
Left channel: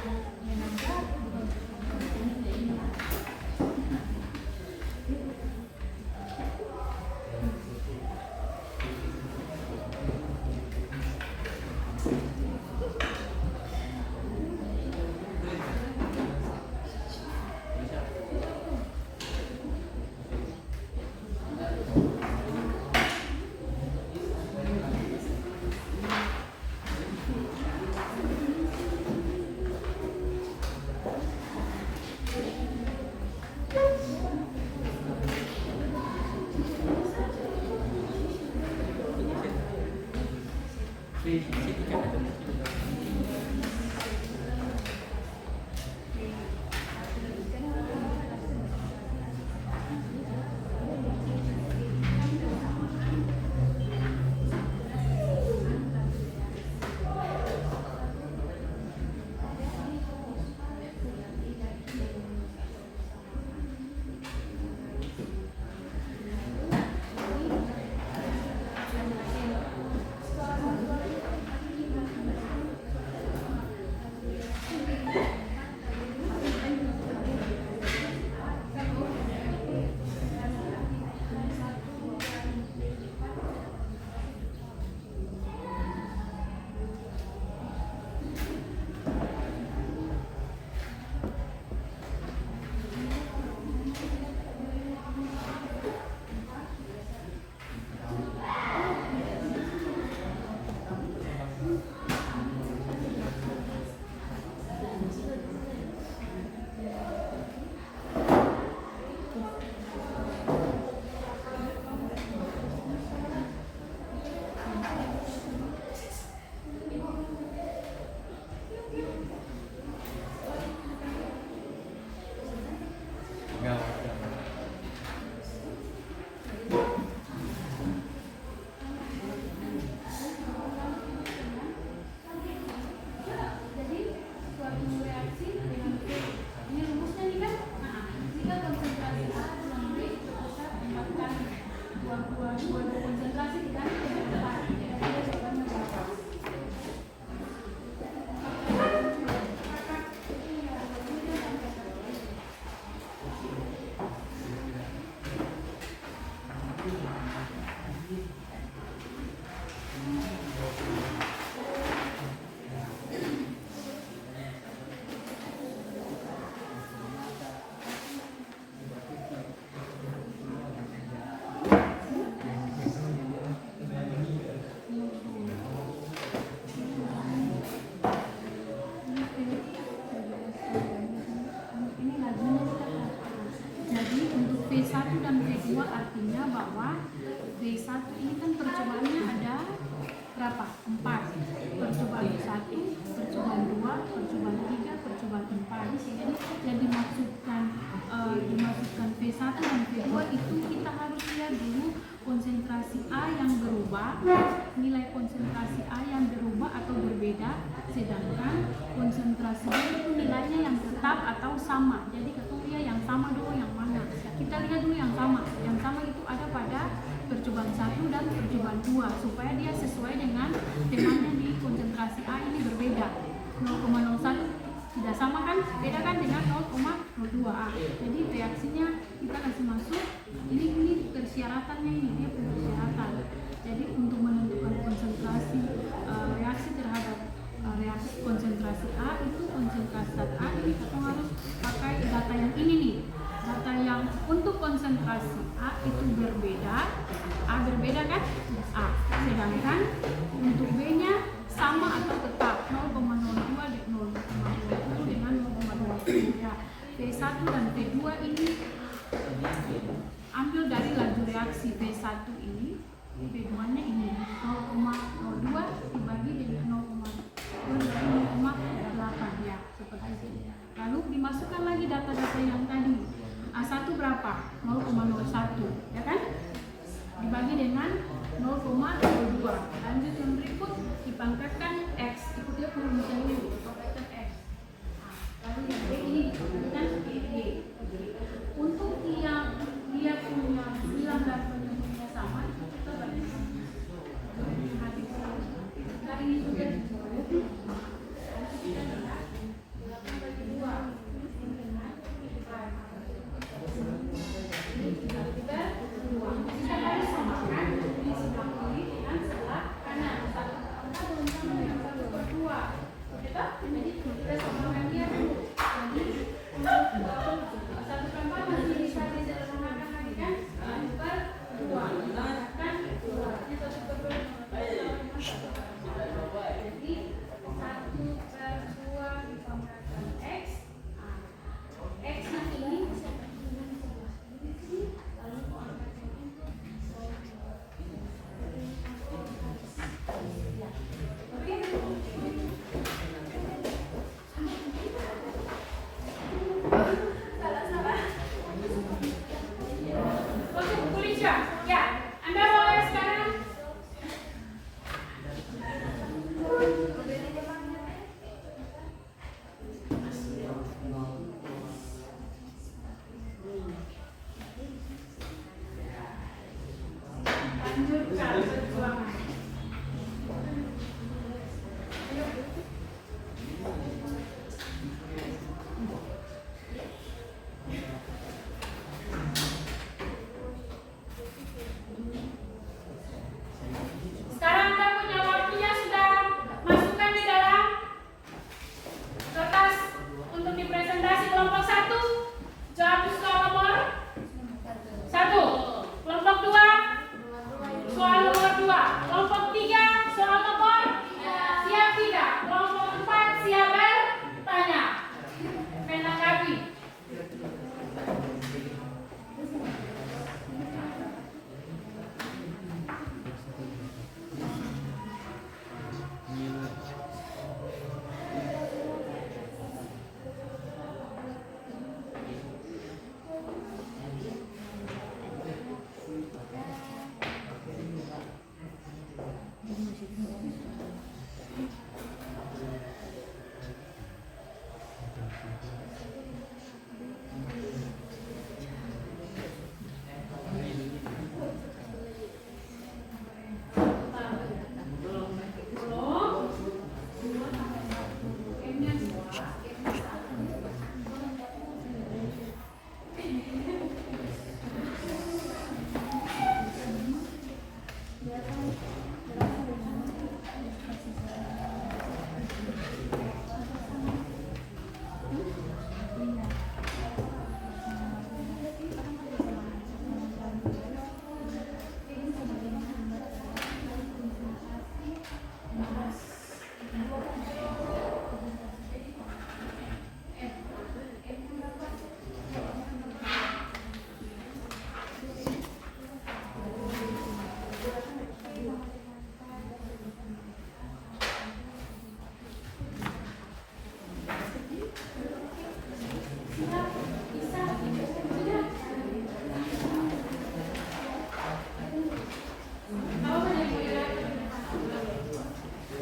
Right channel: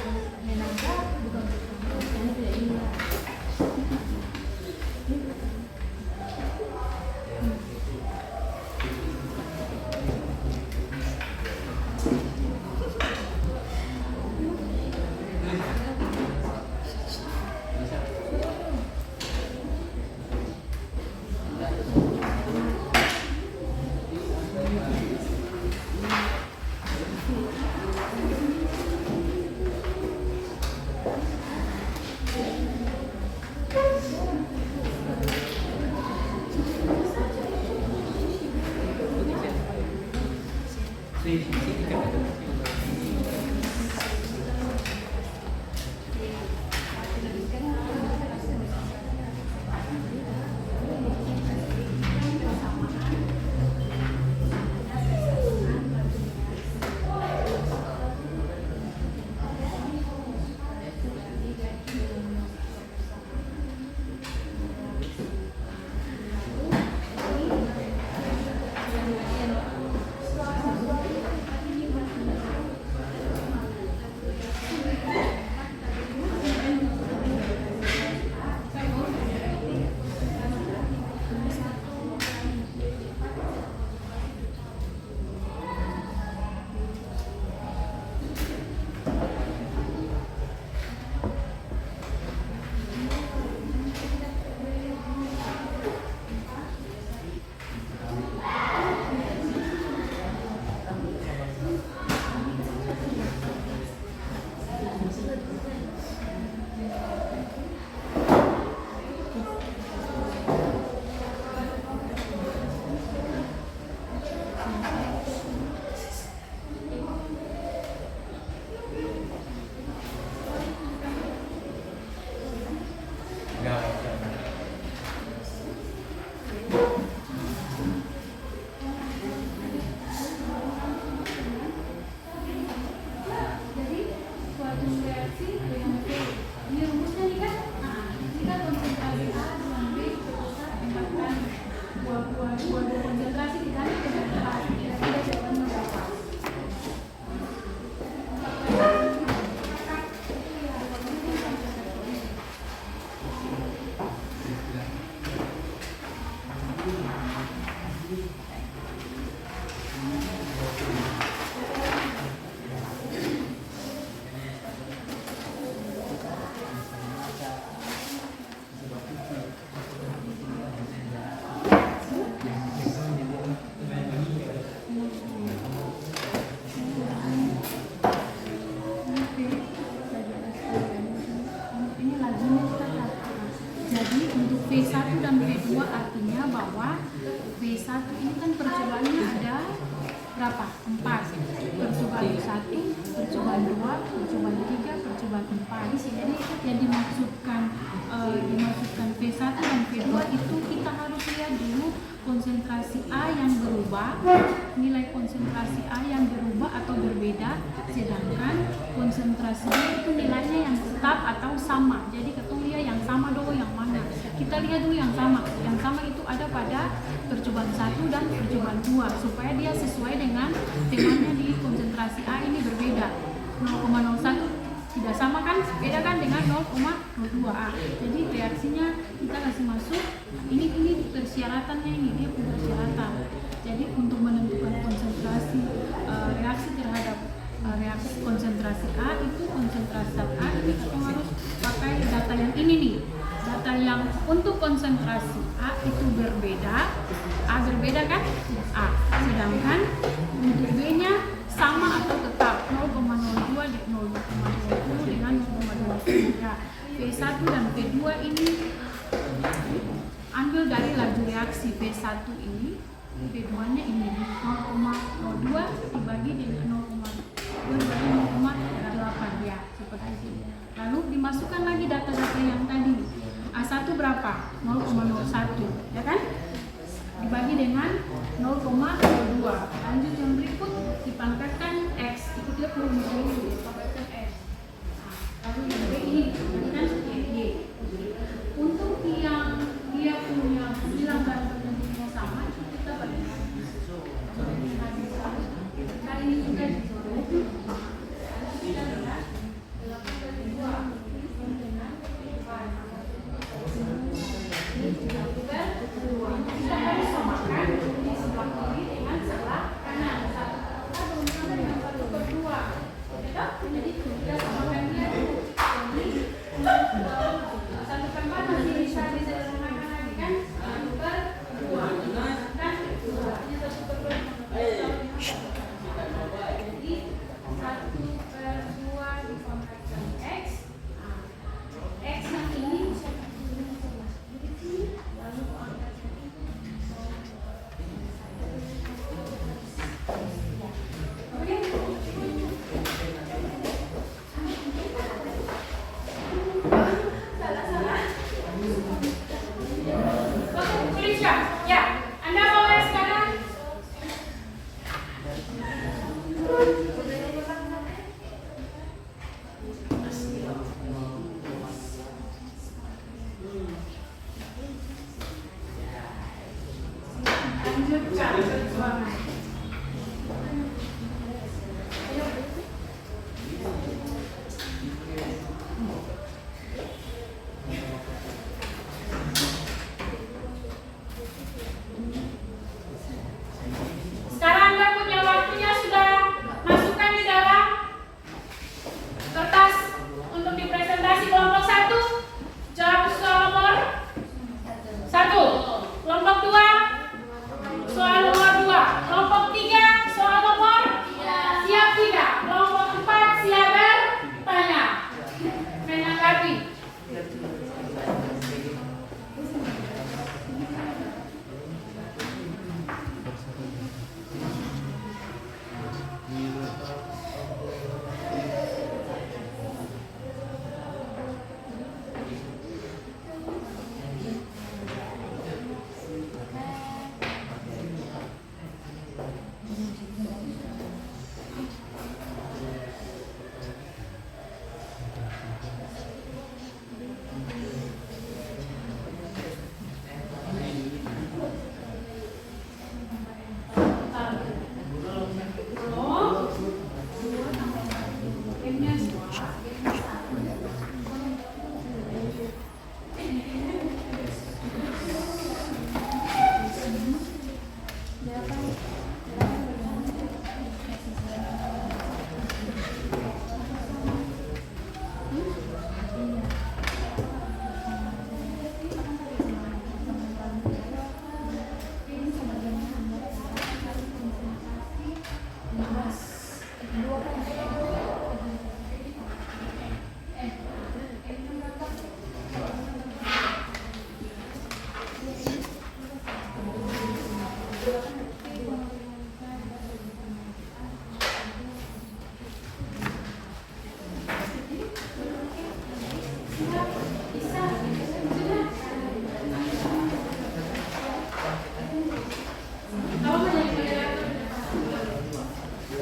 Jadi suatu reaksi dengan V, ini rumusnya nih kan? Ini kan konsentrasi A dengan B berpusat 4 kali. Dua konsentrasi dikali dengan 4. Kira-kira jawabannya berapa? Ini lagunya kita lihat. Jadi untuk V1 dan V2 artinya bahwa V1 ini kan percobaannya ada berapa? 4. Percobaan 1, percobaan 2, percobaan 3, percobaan 4. Jadi yang dimaksudkan V1 dan V2 itu kita harus lihat dulu konsentrasi A yang berubah, nilai konsentrasi A yang berubah atau berbeda, sedangkan konsentrasi B itu nilainya yang tetap atau sama. Jadi ketemu lihat yang sama dulu yang mana. Kita lihat dulu yang sama. Yang sama itu ada pada percobaan 1 dan percobaan 2 supaya dia sesuai dengan temanya di konsentrasi A ini berbeda. 0,01 tidak sama kan, beda kan dengan 0,02A. Jadi reaksinya kita kasih masuk ini persyaratannya, ini dia persyaratan. Jadi untuk menentukan konsentrasi reaksi terhadap reaksi konsentrasi A itu konsentrasi A ini kita harus pakai data yang ini nih. Data yang untuk konsentrasi A itu berbeda, A berbeda kan? A. Sedangkan untuk B-nya sama atau tetap 0,02 dengan 0,20 ya. V1 dan V2 ini ambil dari laju reaksi V1 ini, V2 nya ini 0,02 dibagi dengan 0,2 dibagi 0,8 ya, seperti itu. Lalu dimasukkan lagi data-data yang tadi. A1 berapa? 0,01 ya kan? Dibagi dengan 0,02. Lanjut yang berikut dipangkatkan X, ikuti Lanjutkan perjuangan. Sekarang Anda punya waktunya, sudah masukkan di dalam kertas untuk dipresentasi. Kelompok 1 jawab soal nomor 1. Kelompok 2 soal nomor 2. Kelompok 3 soal nomor siap tidak. Kelompok 4 siap bertanya. Menanggapi.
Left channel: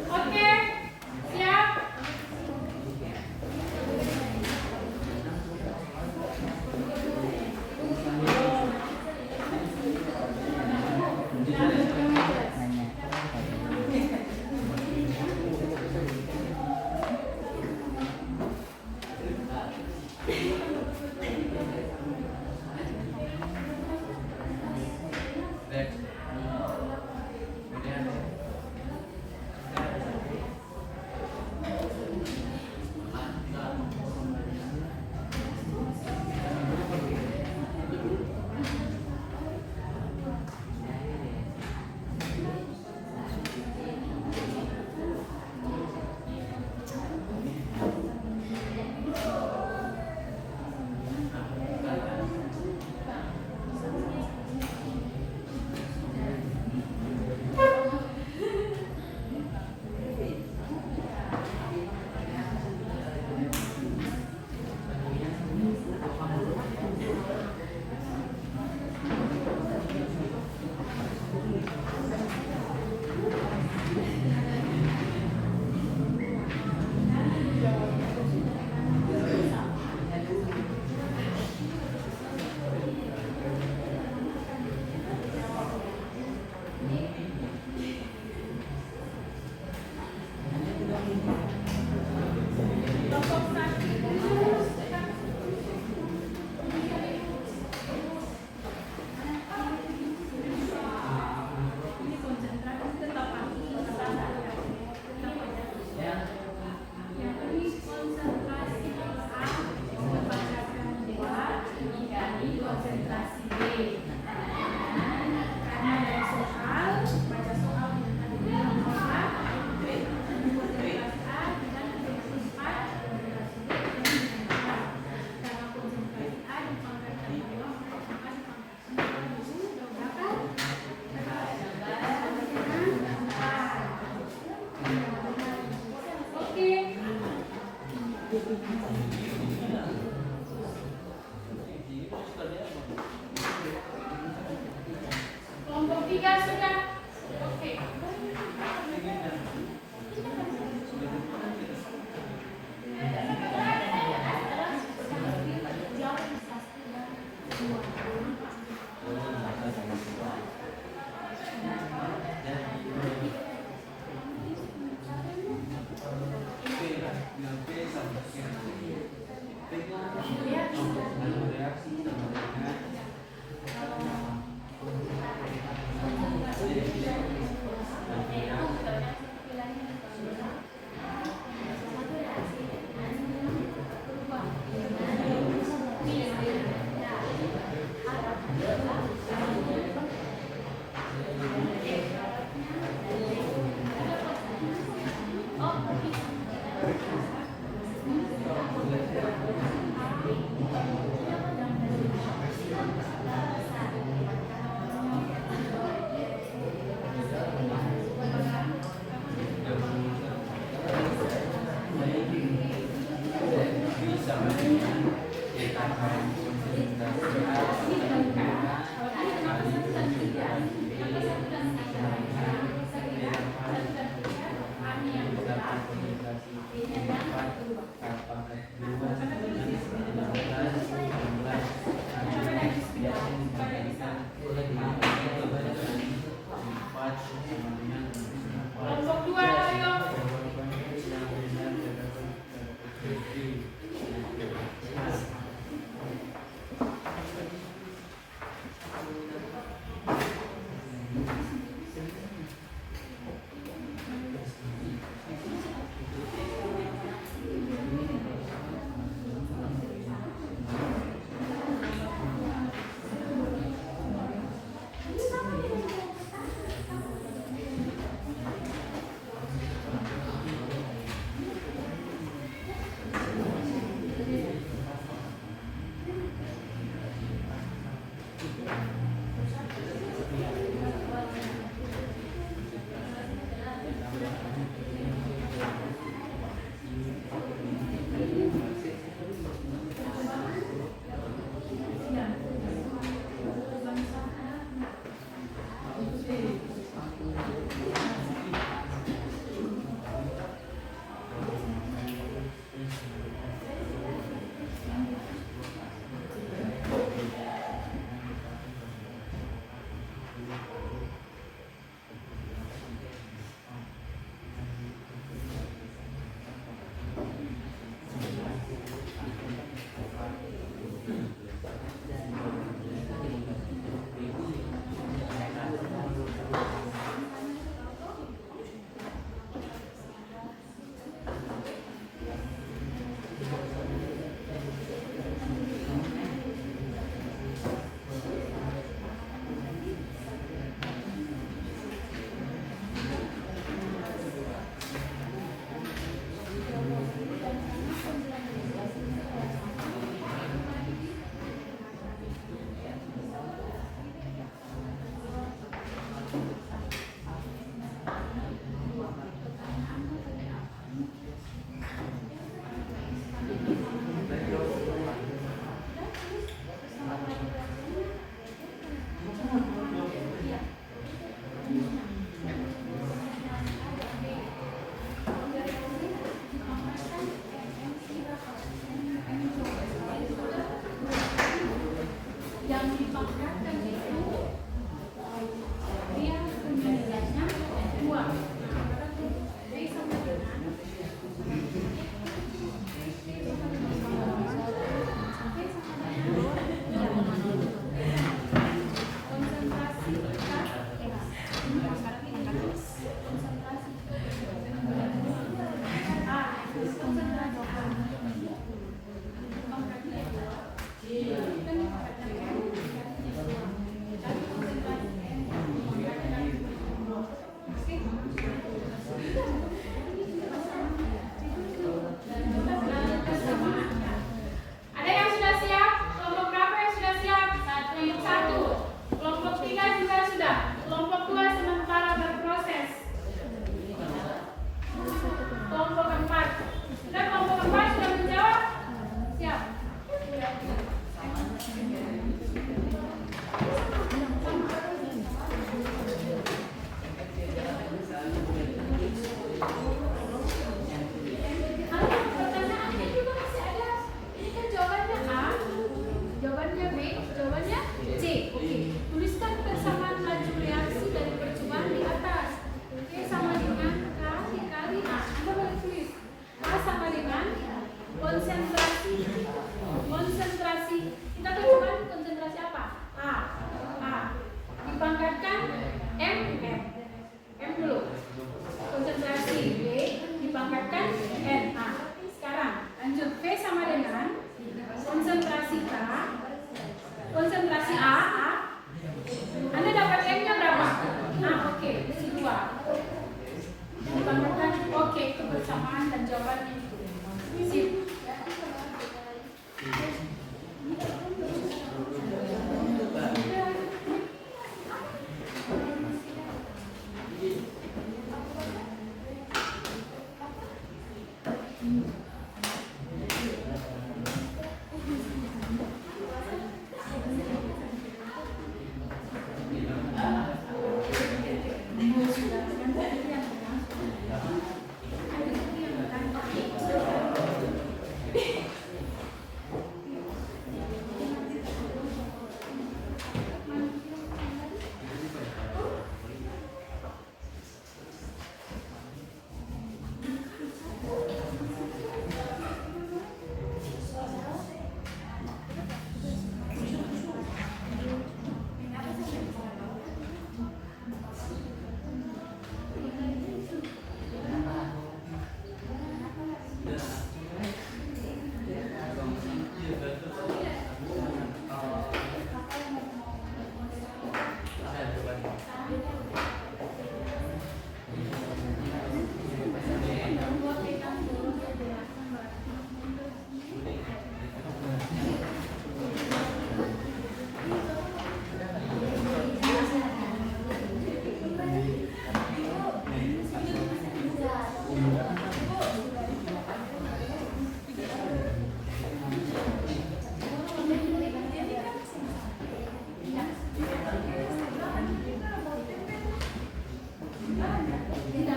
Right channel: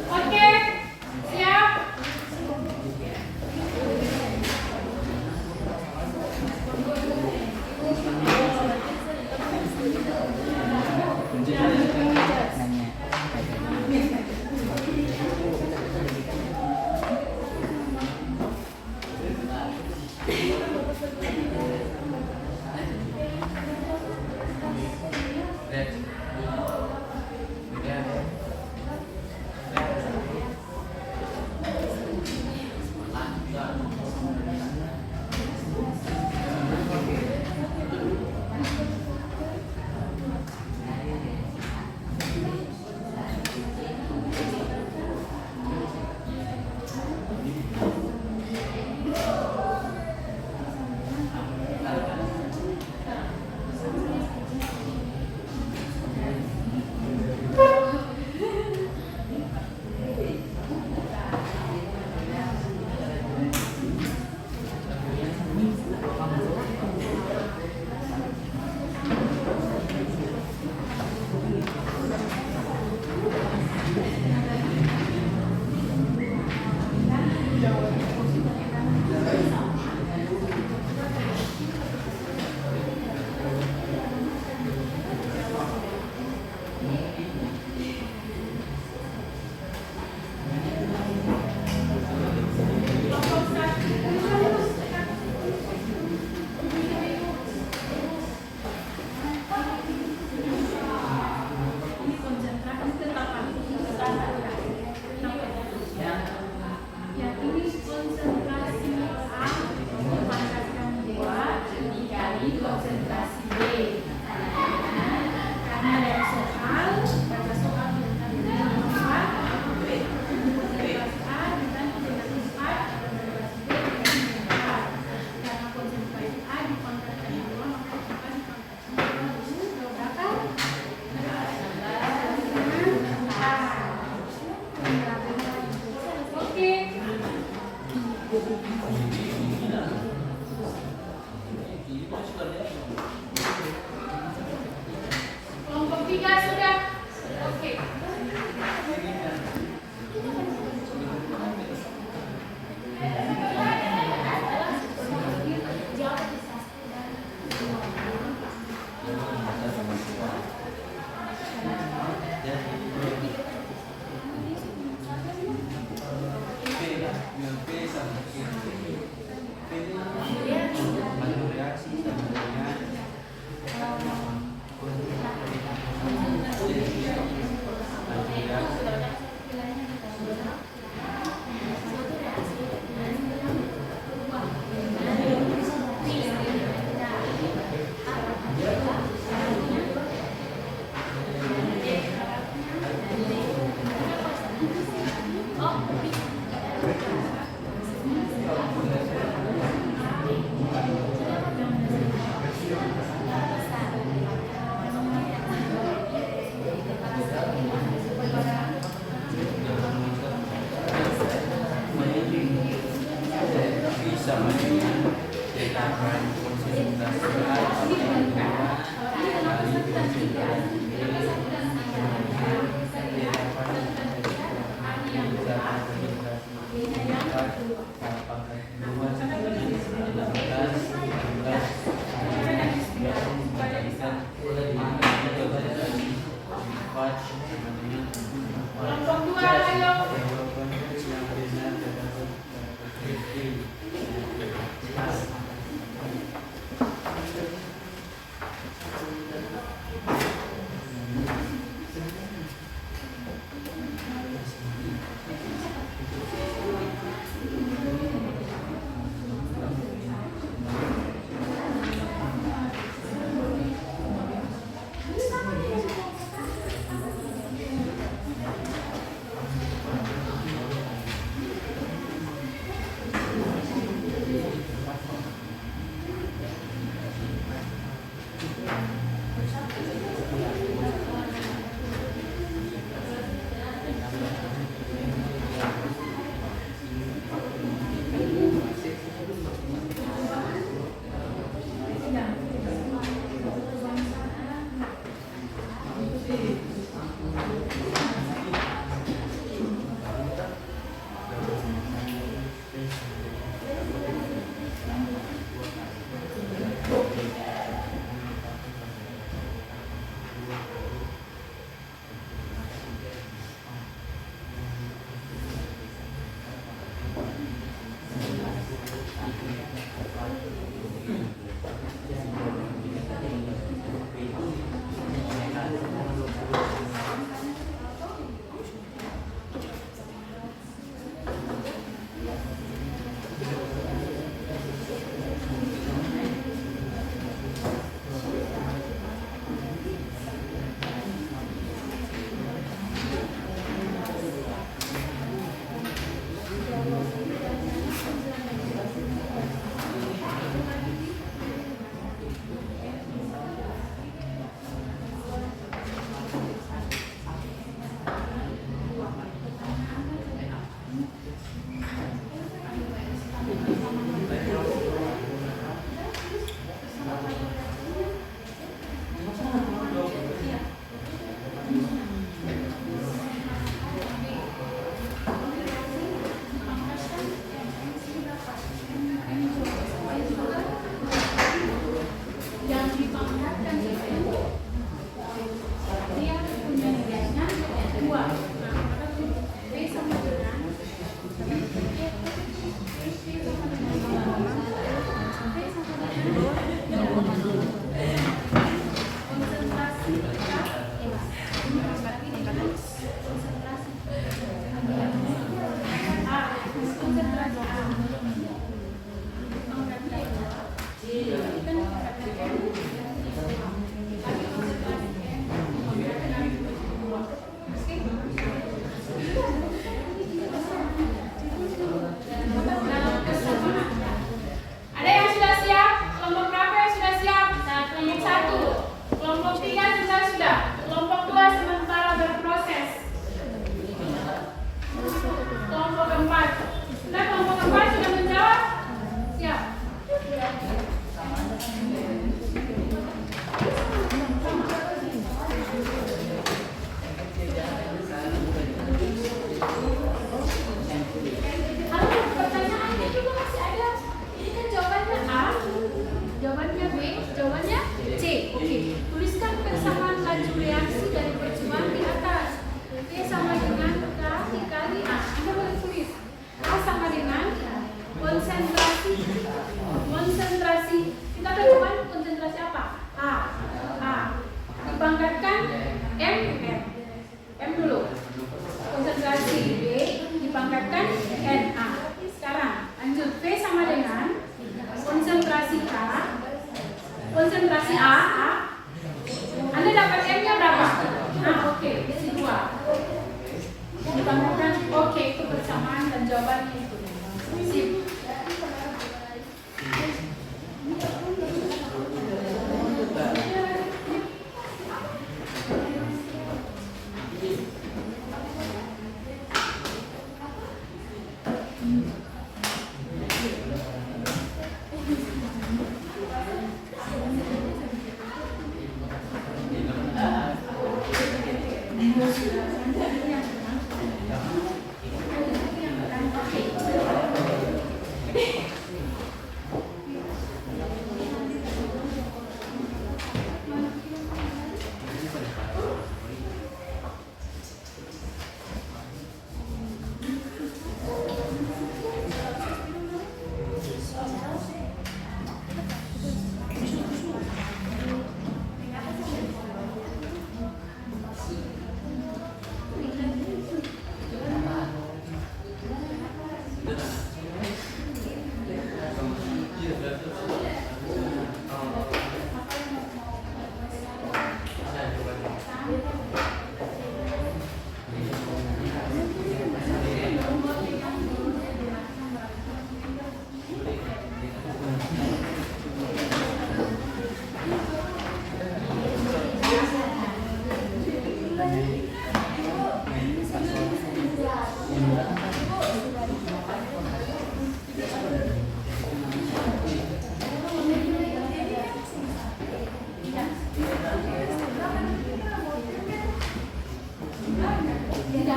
Oke, siap. Kelompok 3 sudah. Oke. Kelompok 2 ayo. konsentrasi A. Anda dapat M-nya berapa? Oke, isi 2. Dibanggakan, oke, itu bersamaan dan jawabannya itu. Sip. Tidak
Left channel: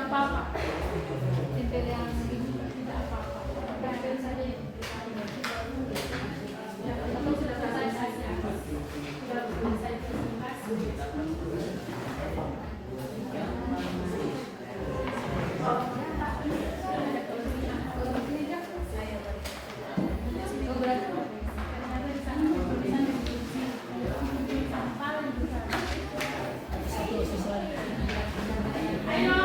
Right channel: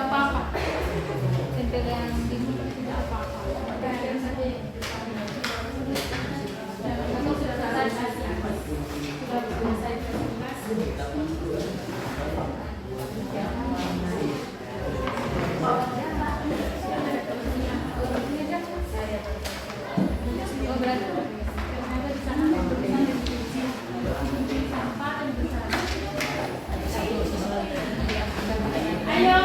apa-apa. Tempel yang dibuka tidak apa-apa. Atau sudah selesai? Sudah selesai presentasi? Oh, berarti ternyata di sana ada tulisan di sampah dan di sana. Ayo.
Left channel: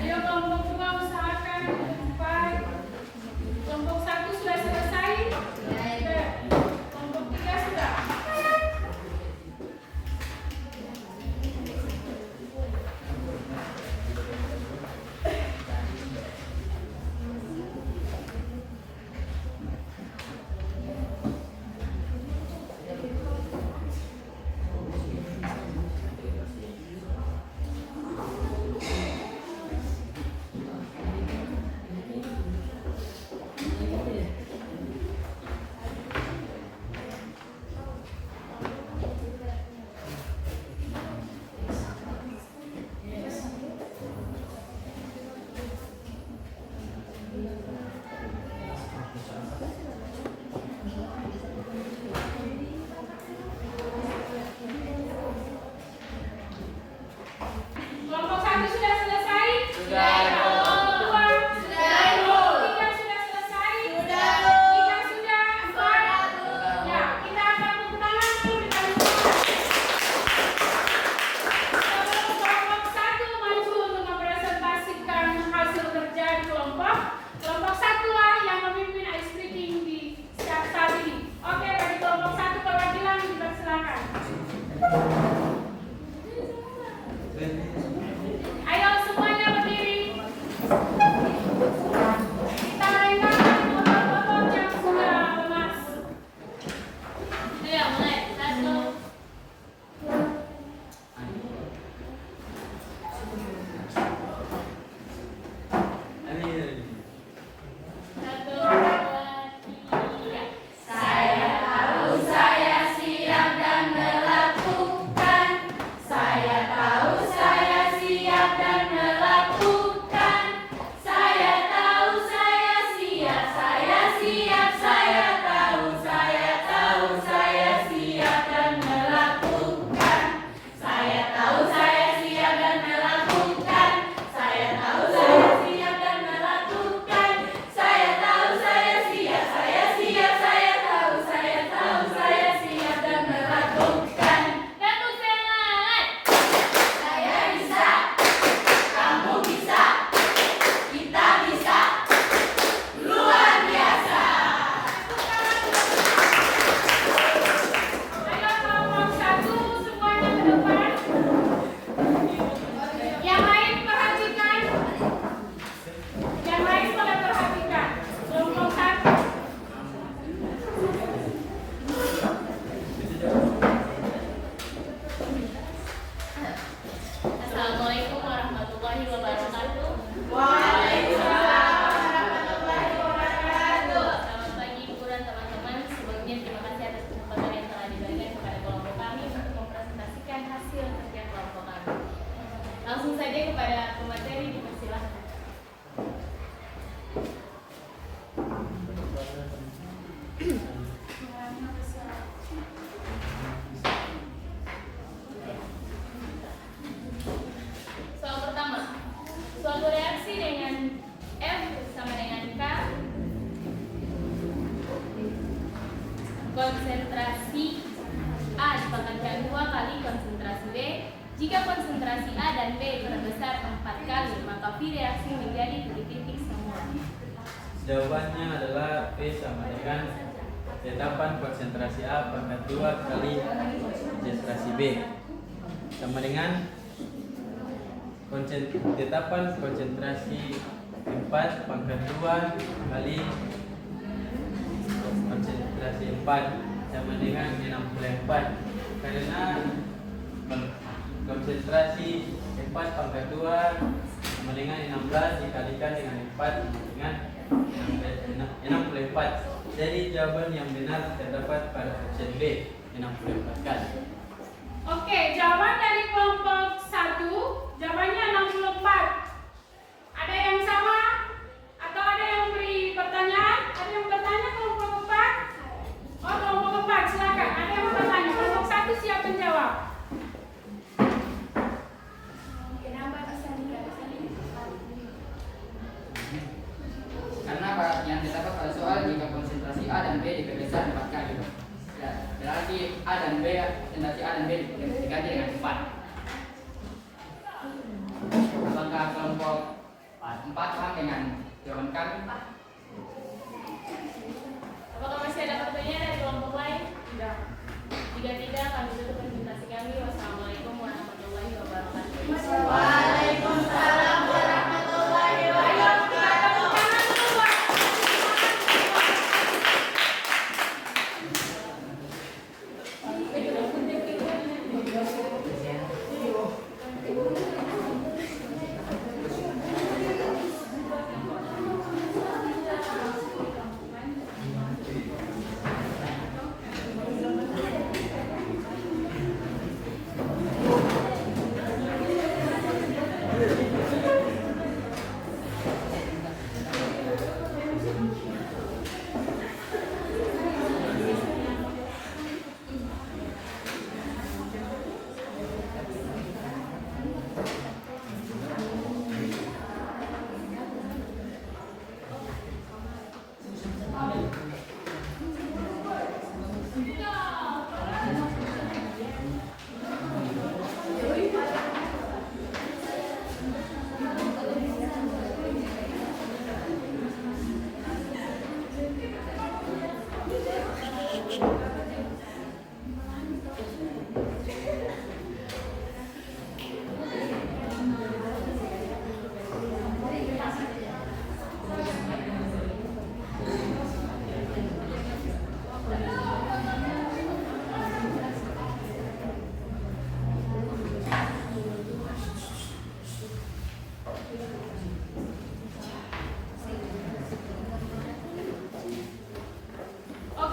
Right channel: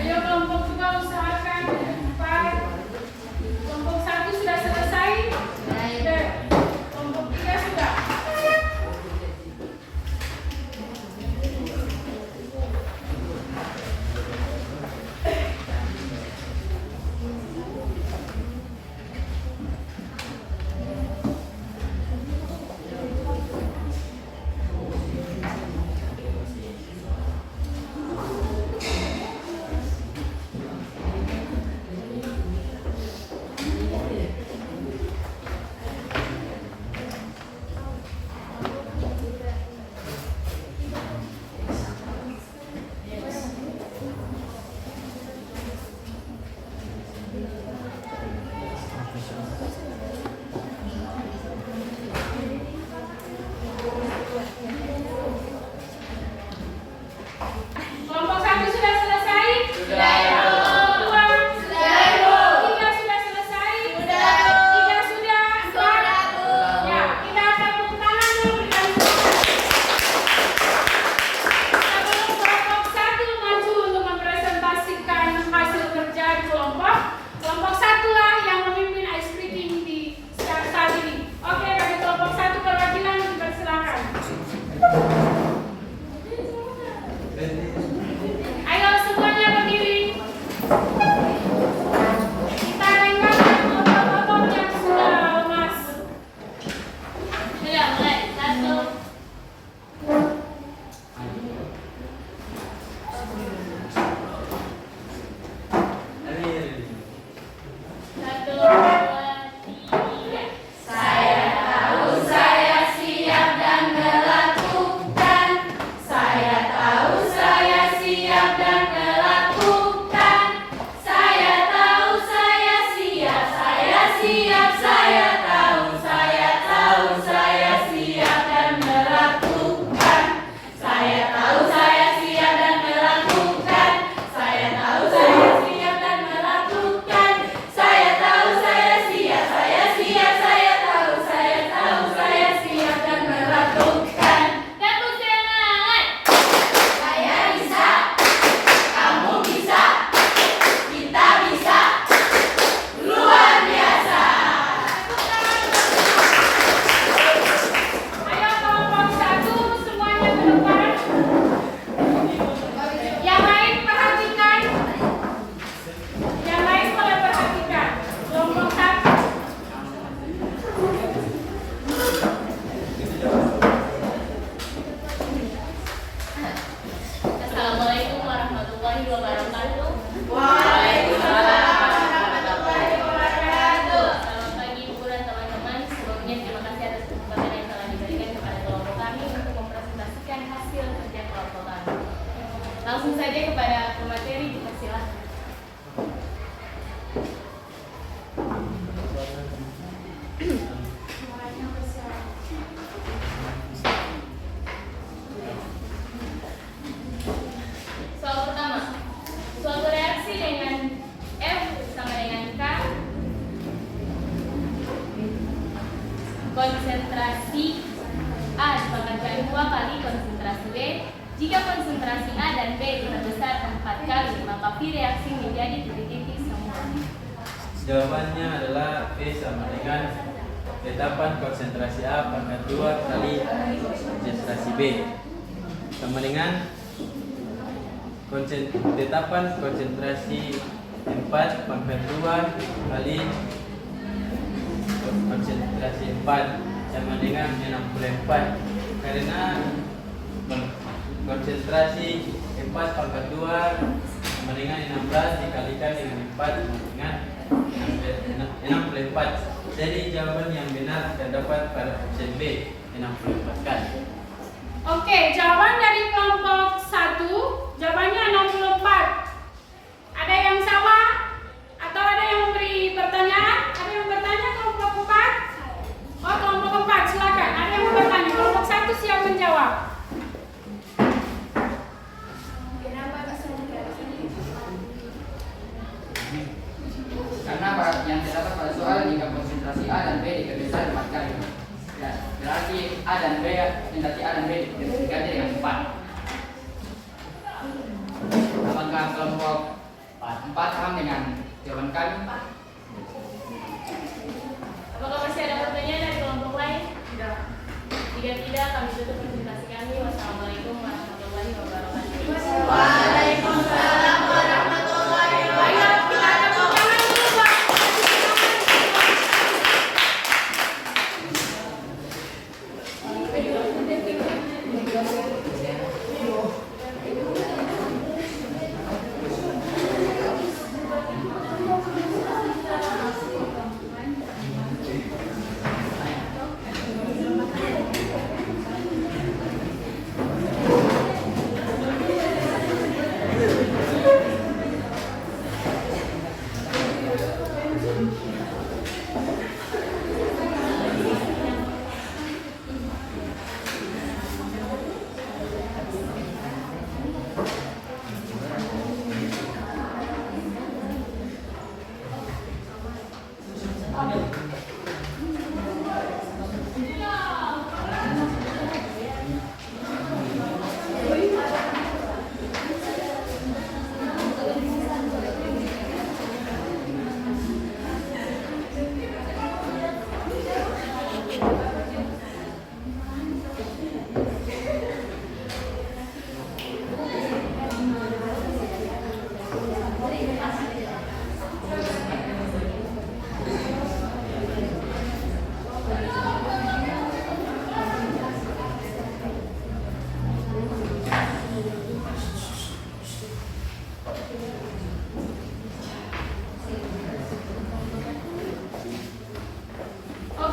Ayo kelompok 2 usahakan di depan. Kelompok 1 sudah selesai? Sudah. Kelompok 3 sudah. Kelompok 1 sudah selesai? Sudah. Kelompok 2? Sudah. Kelompok 3 sudah selesai? Sudah. 3 sudah? 4? Ya, kita akan tepuk tangan dulu berkali-kali. Sebelum kelompok 1 maju untuk mempresentasikan hasil kerja di kelompok, kelompok 1 lah yang memimpin ice speaking di saat ini. Oke, bagi kelompok 1 perwakilan dipersilakan. Ayo semuanya berdiri. Kita lengkapkan kelompok-kelompok yang sudah lemas. Ayo mulai. 1. Satu, dua, tiga. Saya tahu saya siap dan melakukan. Saya tahu saya siap dan melakukan. Saya tahu saya siap, saya siap, saya tahu saya siap dan melakukan. Saya tahu saya siap dan melakukan. Saya tahu saya siap dan melakukan. Saya tahu saya siap, saya siap, saya tahu saya siap dan melakukan. Tepuk tangan. Saya bisa, kamu bisa, kita bisa, luar biasa. Ayo kelompok 1 semuanya ke depan. Yang lain perhatikan. Yang lain boleh perhatikan. Kelompok 1. Assalamualaikum warahmatullahi wabarakatuh. Selamat pagi Ibu dan teman-teman. Sebelumnya terima kasih atas kesempatan yang telah diberikan kepada kelompok kami untuk mempresentasikan hasil kerja kelompok kami. Langsung saja kepada pemateri, dipersilahkan. Soal pertama, suatu reaksi dengan F sama dengan K, konsentrasi A dipangkatkan 2 kali konsentrasi B. Jika konsentrasi A dan B terbesar 4 kali, maka V reaksi menjadi titik-titik semula. Jawabannya adalah P sama dengan tetapan konsentrasi A pangkat 2 kali konsentrasi B sama dengan tetapan konsentrasi 4 pangkat 2 kali konsentrasi 4 sama dengan 64, karena konsentrasi 4 pangkat 2 sama dengan 16 dikalikan dengan 4 sama dengan 64. Jadi jawaban yang benar terdapat pada opsi B, 64 kali. Oke, jawaban dari kelompok 1, jawabannya 64. Ada yang salah? Atau ada yang memberi pertanyaan? Ada yang bertanya kelompok 4? Oh, kelompok 4, silakan. Ada yang bertanya? Kelompok 1 siap menjawab. Karena yang terdapat pada soal jika konsentrasi A dan B dibesar 4 kali, ya, berarti A dan B diganti dengan 4. Apakah kelompok 4 paham dengan jawaban kami? Apakah masih ada pertanyaan dari kelompok lain? Tidak. Jika tidak, kami tutup presentasi kami. Wassalamualaikum warahmatullahi wabarakatuh. Waalaikumsalam warahmatullahi wabarakatuh. Kita ada pertanyaan dulu, Pak.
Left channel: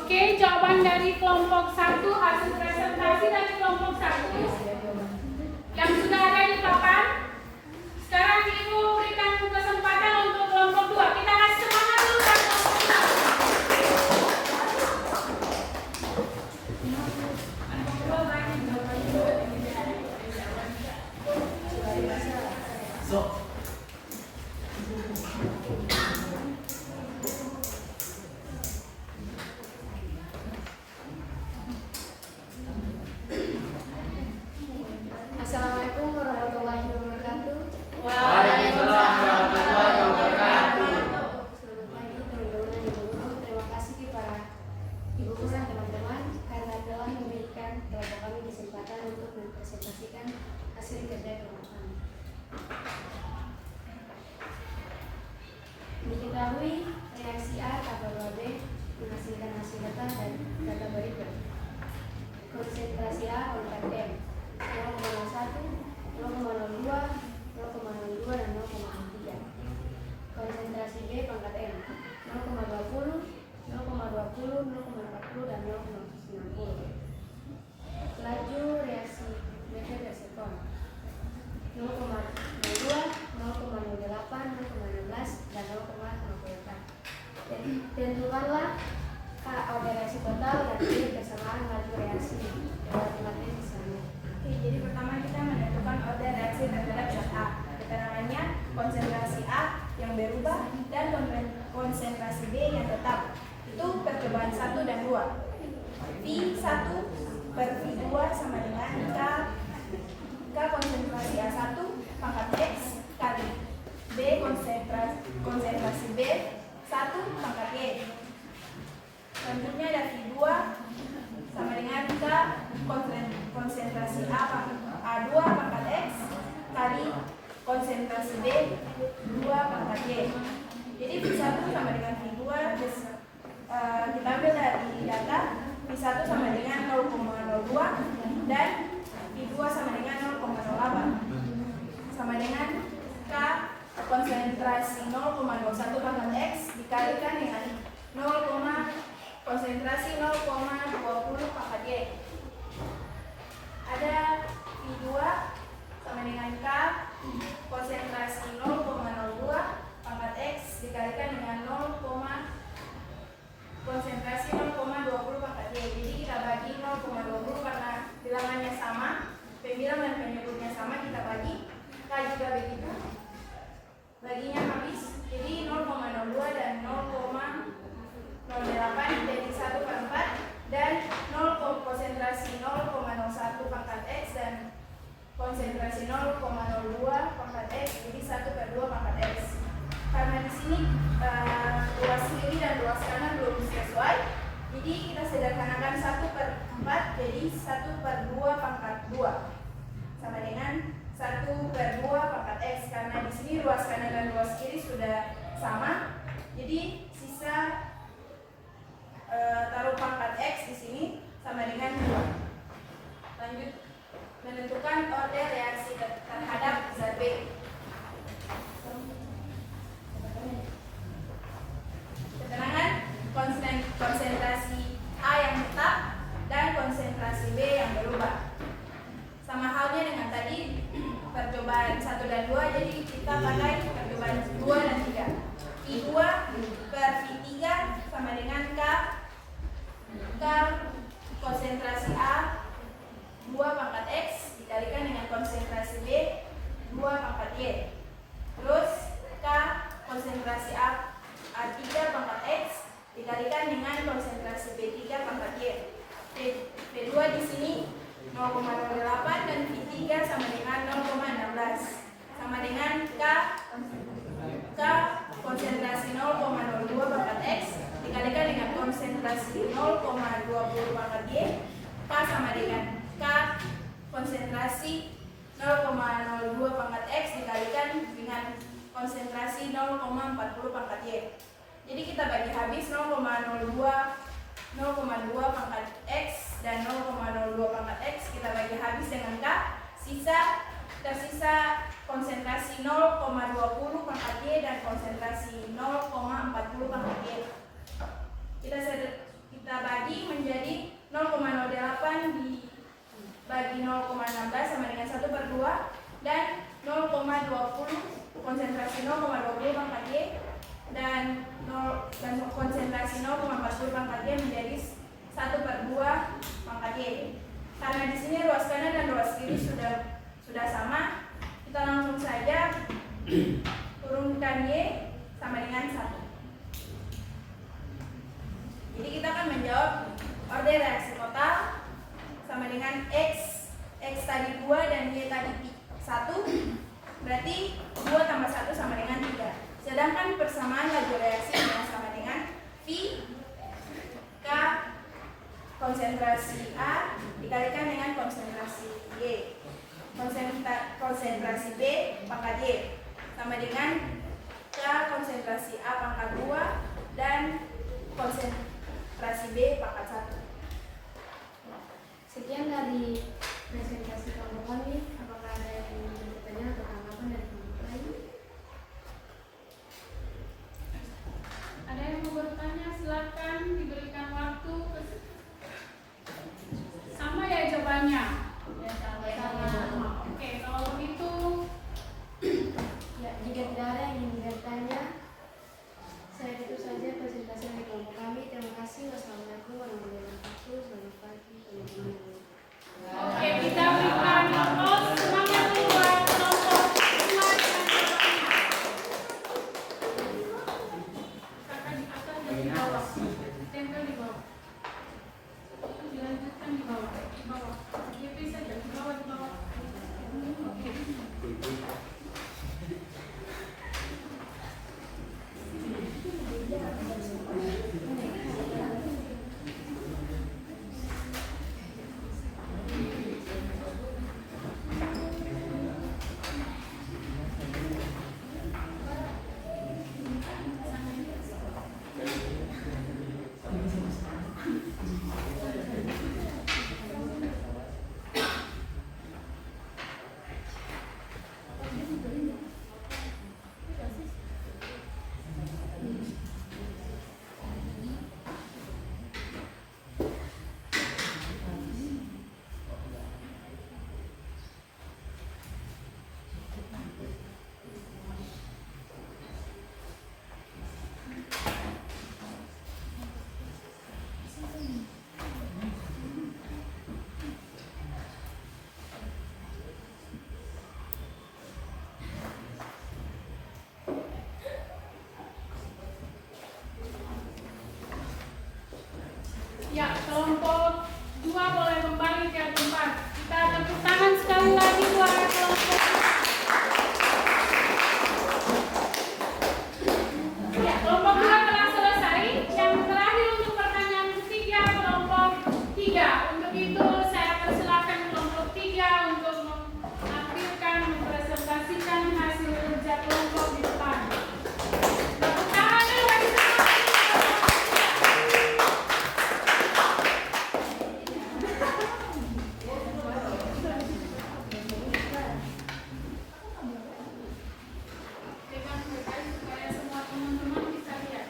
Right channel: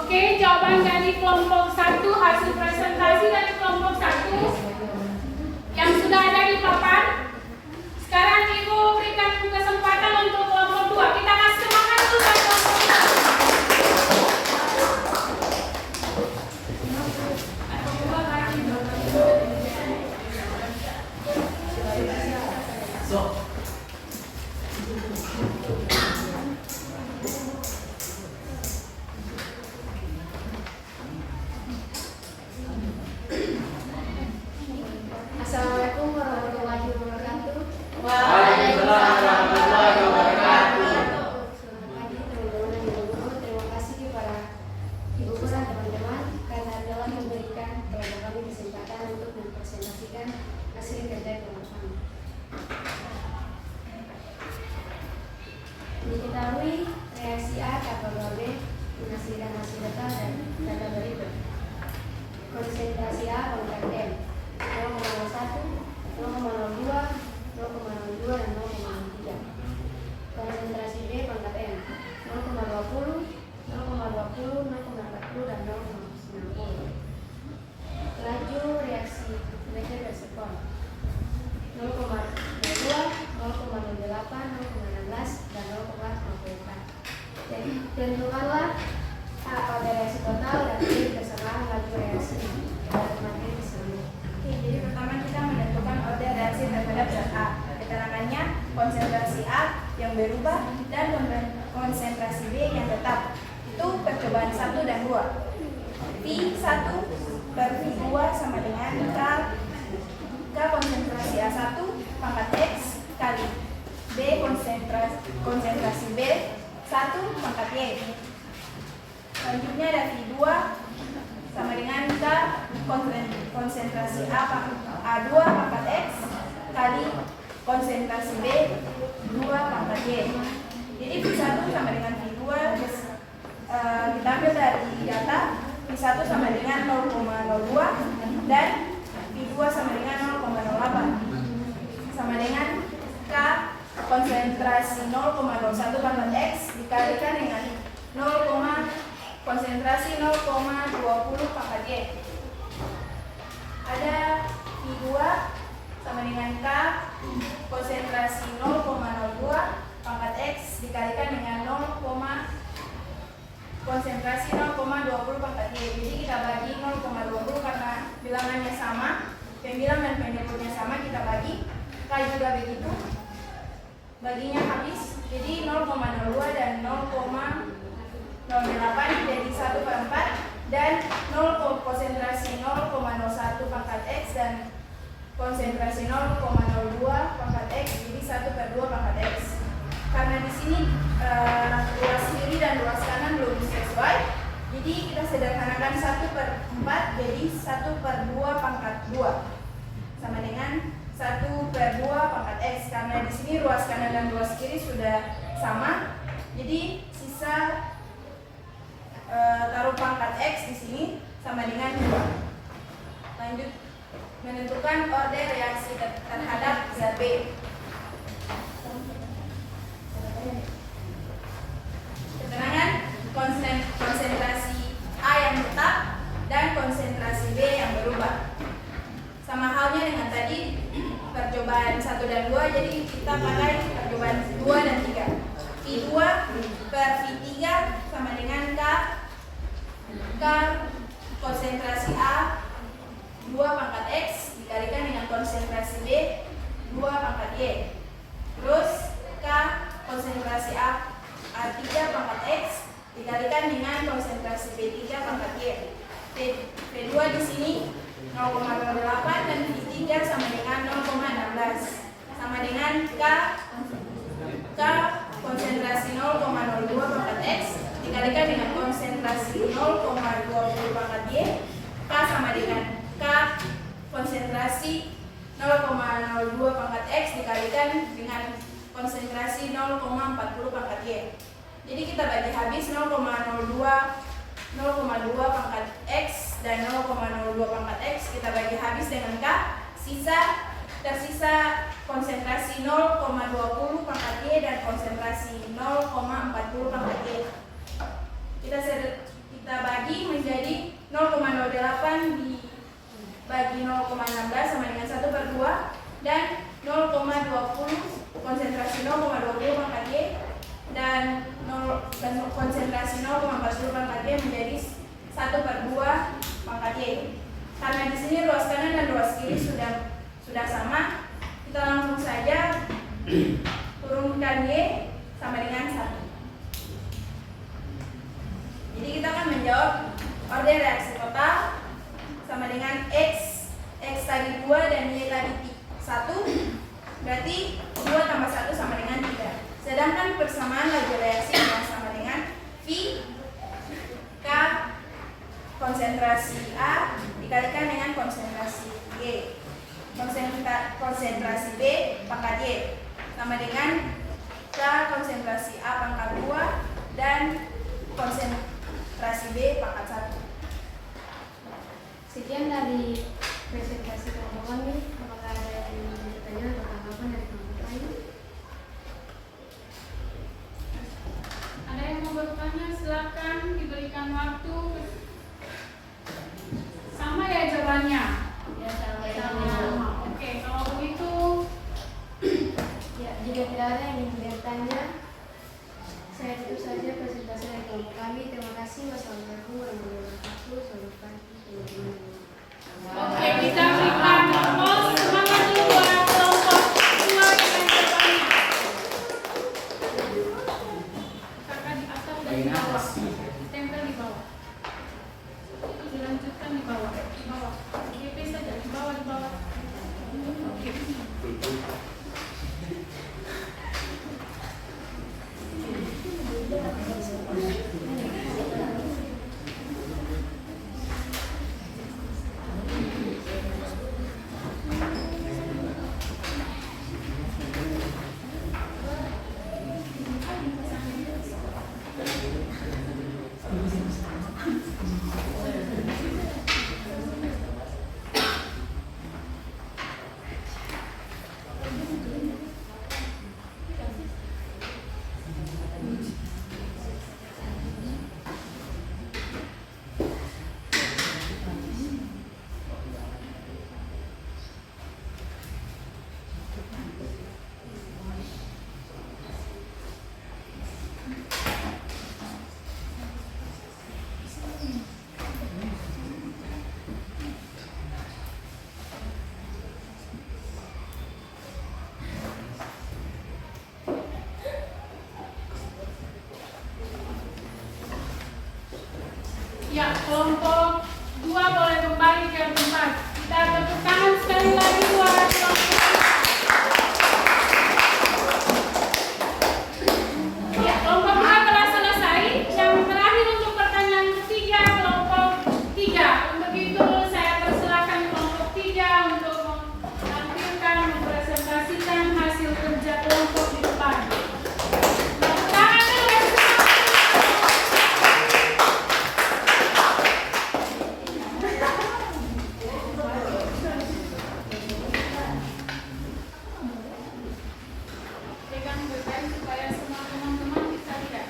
Oke, jawaban dari kelompok 1, hasil presentasi dari kelompok 1 yang sudah ada di papan. Sekarang Ibu berikan kesempatan untuk kelompok 2. Kita kasih semangat dulu buat kelompok 1. Assalamualaikum warahmatullahi wabarakatuh. Waalaikumsalam warahmatullahi wabarakatuh. Selamat pagi teman-teman dan ibu guru. Terima kasih kepada ibu guru dan teman-teman karena telah memberikan kelompok kami kesempatan untuk mempresentasikan hasil kerja kelompok kami. Diketahui reaksi A tambah 2B menghasilkan hasil data berikut. Konsentrasi A pangkat M 0,01, 0,02, 0,02 dan 0,03. Konsentrasi B pangkat M 0,20, 0,20, 0,40 dan 0,90. Laju reaksi meter per sekon 0,3, konsentrasi A yang berubah dan konsentrasi B yang tetap. Itu percobaan 1 dan 2. V1 per V2 sama dengan K konsentrasi A1 pangkat X kali B konsentrasi B1 pangkat Y. Selanjutnya ada V2 sama dengan K konsentrasi A2 pangkat X kali konsentrasi B2 pangkat Y. Jadi V1 sama dengan V2 kita ambil dari data. V1 sama dengan 0,02 dan V2 sama dengan 0,08 sama dengan K konsentrasi 0,01 pangkat X dikalikan dengan konsentrasi 0,20 pangkat Y. Ada V2 sama dengan K konsentrasi 0,02 pangkat X dikalikan dengan konsentrasi 0,20 pangkat Y. Jadi kita bagi 0,20 karena bilangannya sama, pembilang dan penyebutnya sama, kita bagi. K juga begitu, baginya habis. Jadi 0,02 dan 0,08 jadi 1/4 dan konsentrasi 0,01 pangkat X dan konsentrasi 0,02 pangkat X jadi 1/2 pangkat X. Karena di sini luas kiri dan luas kanan belum sesuai, jadi kita sederhanakan 1/4 jadi 1/2 pangkat 2 sama dengan 1/2 pangkat X. Karena di sini luas kanan dan luas kiri sudah sama, jadi sisa taruh pangkat X di sini sama dengan 2. Lanjut menentukan order reaksi terhadap zat B. Keterangan konsentrasi A yang tetap dan konsentrasi B yang berubah. Sama halnya dengan tadi percobaan 1 dan 2, jadi kita pakai percobaan 2 dan 3. V2 per V3 sama dengan K konsentrasi A 2 pangkat X dikalikan dengan konsentrasi B 2 pangkat Y. Terus K konsentrasi A3 pangkat X dikalikan dengan konsentrasi B3 pangkat Y. V2 di sini 0,08 dan V3 sama dengan 0,16 sama dengan K konsentrasi 0,02 pangkat X dikalikan dengan konsentrasi 0,20 pangkat Y. K sama dengan K konsentrasi 0,02 pangkat X dikalikan dengan konsentrasi 0,40 pangkat Y. Jadi kita bagi habis 0,02 pangkat X dan 0,02 pangkat X kita bagi habis dengan K, tersisa konsentrasi 0,20 pangkat Y dan konsentrasi 0,40 pangkat Y. Kita bagi menjadi 0,08 dibagi 0,16 sama dengan 1/2 dan 0,20 konsentrasi 0,20 pangkat Y dan konsentrasi 0,40 pangkat Y menjadi 1/2 pangkat Y. Karena di sini ruas kanan dan ruas kiri sudah sama, kita langsung saja turunkan Y sama dengan 1. Jadi kita akan menjawab order reaksi total sama dengan X tadi 2 dan Y tadi 1, berarti 2 tambah 1 sama dengan 3. Sedangkan persamaan laju reaksi yang sama dengan V K konsentrasi A dikalikan dengan konsentrasi Y. Konsentrasi B pangkat Y sama dengan K konsentrasi A pangkat 2 dan konsentrasi B pangkat 1. Sekian dari presentasi kelompok kami. Apakah ada yang ingin bertanya atau tanggapan dari kelompok lain? Ada yang mau bertanya, silakan diberikan waktu. Sama ya jawabannya? Ya, Sama. Oke, kalau begitu Ya, jika tidak ada yang ingin bertanya, saya tutup saja presentasi dari kelompok kami. Terima kasih. Wassalamualaikum warahmatullahi wabarakatuh. Selamat pagi teman-teman. oke, kita berikan semangat dulu buat Ya, kelompok 2 boleh kembali ke tempat. Kita tepuk tangan sekali lagi buat kelompok 2. Ya, kelompok 2 telah selesai. Yang terakhir untuk pertanyaan ketiga, kelompok 3. Untuk itu saya persilakan kelompok 3 untuk menampilkan, mempresentasikan hasil kerja kelompok di depan. Tepuk tangan dulu. Berikan berkait supaya semua teman-teman bisa lihat.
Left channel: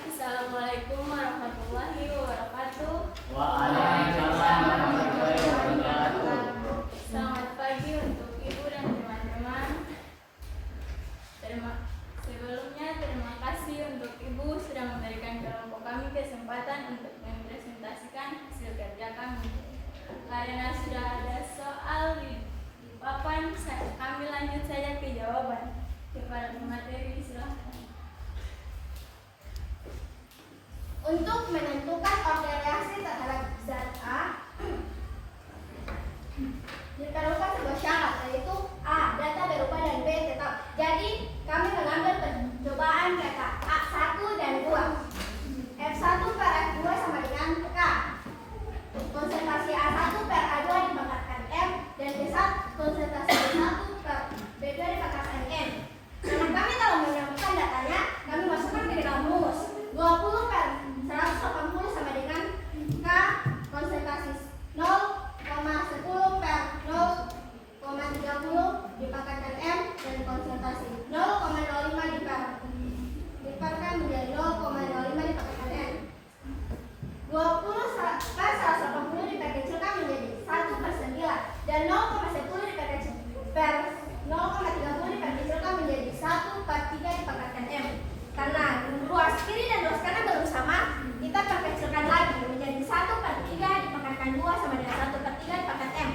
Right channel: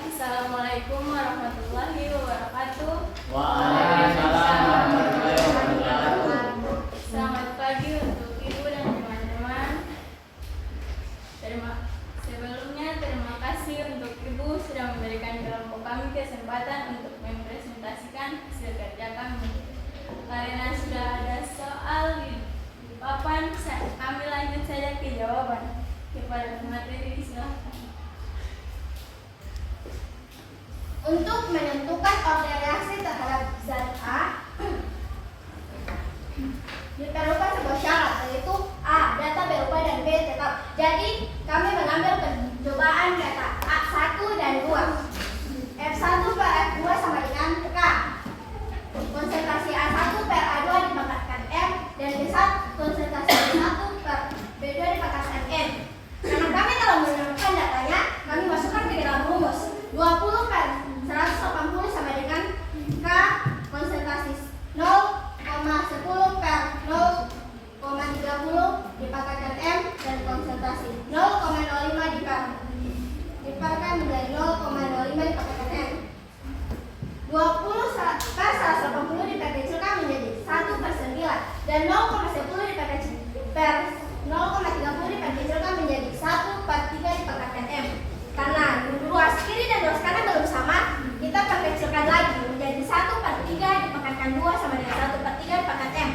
Assalamualaikum warahmatullahi wabarakatuh. Waalaikumsalam warahmatullahi wabarakatuh. Selamat pagi untuk ibu dan teman-teman. Sebelumnya terima kasih untuk ibu sudah memberikan kelompok kami kesempatan untuk mempresentasikan hasil kerja kami. Karena sudah ada soal di papan, kami lanjut saja ke jawaban. Kepada pemateri silakan. Untuk menentukan order reaksi terhadap zat A diperlukan sebuah syarat, yaitu A. Data berupa dan B tetap. Jadi kami mengambil percobaan data A1 dan 2. F1 per F2 sama dengan K. Konsentrasi A1 per A2 dipangkatkan M, dan B1 konsentrasi A1 per B2 dipangkatkan N. Karena kami telah menemukan datanya, kami masukkan ke dalam rumus. 20 per 180 sama dengan K konsentrasi 0,10 per 0,30 dipangkatkan M, dan konsentrasi 0,05 dipangkatkan menjadi 0,05 dipangkatkan M. 20 per 180 diperkecilkan menjadi 1 per 9, dan 0,10 per 0,30 diperkecilkan menjadi 1 per 3 dipangkatkan M. Karena ruas kiri dan ruas kanan belum sama, kita perkecilkan lagi menjadi 1 per 3 dipangkatkan 2 sama dengan 1 per 3 dipangkat M.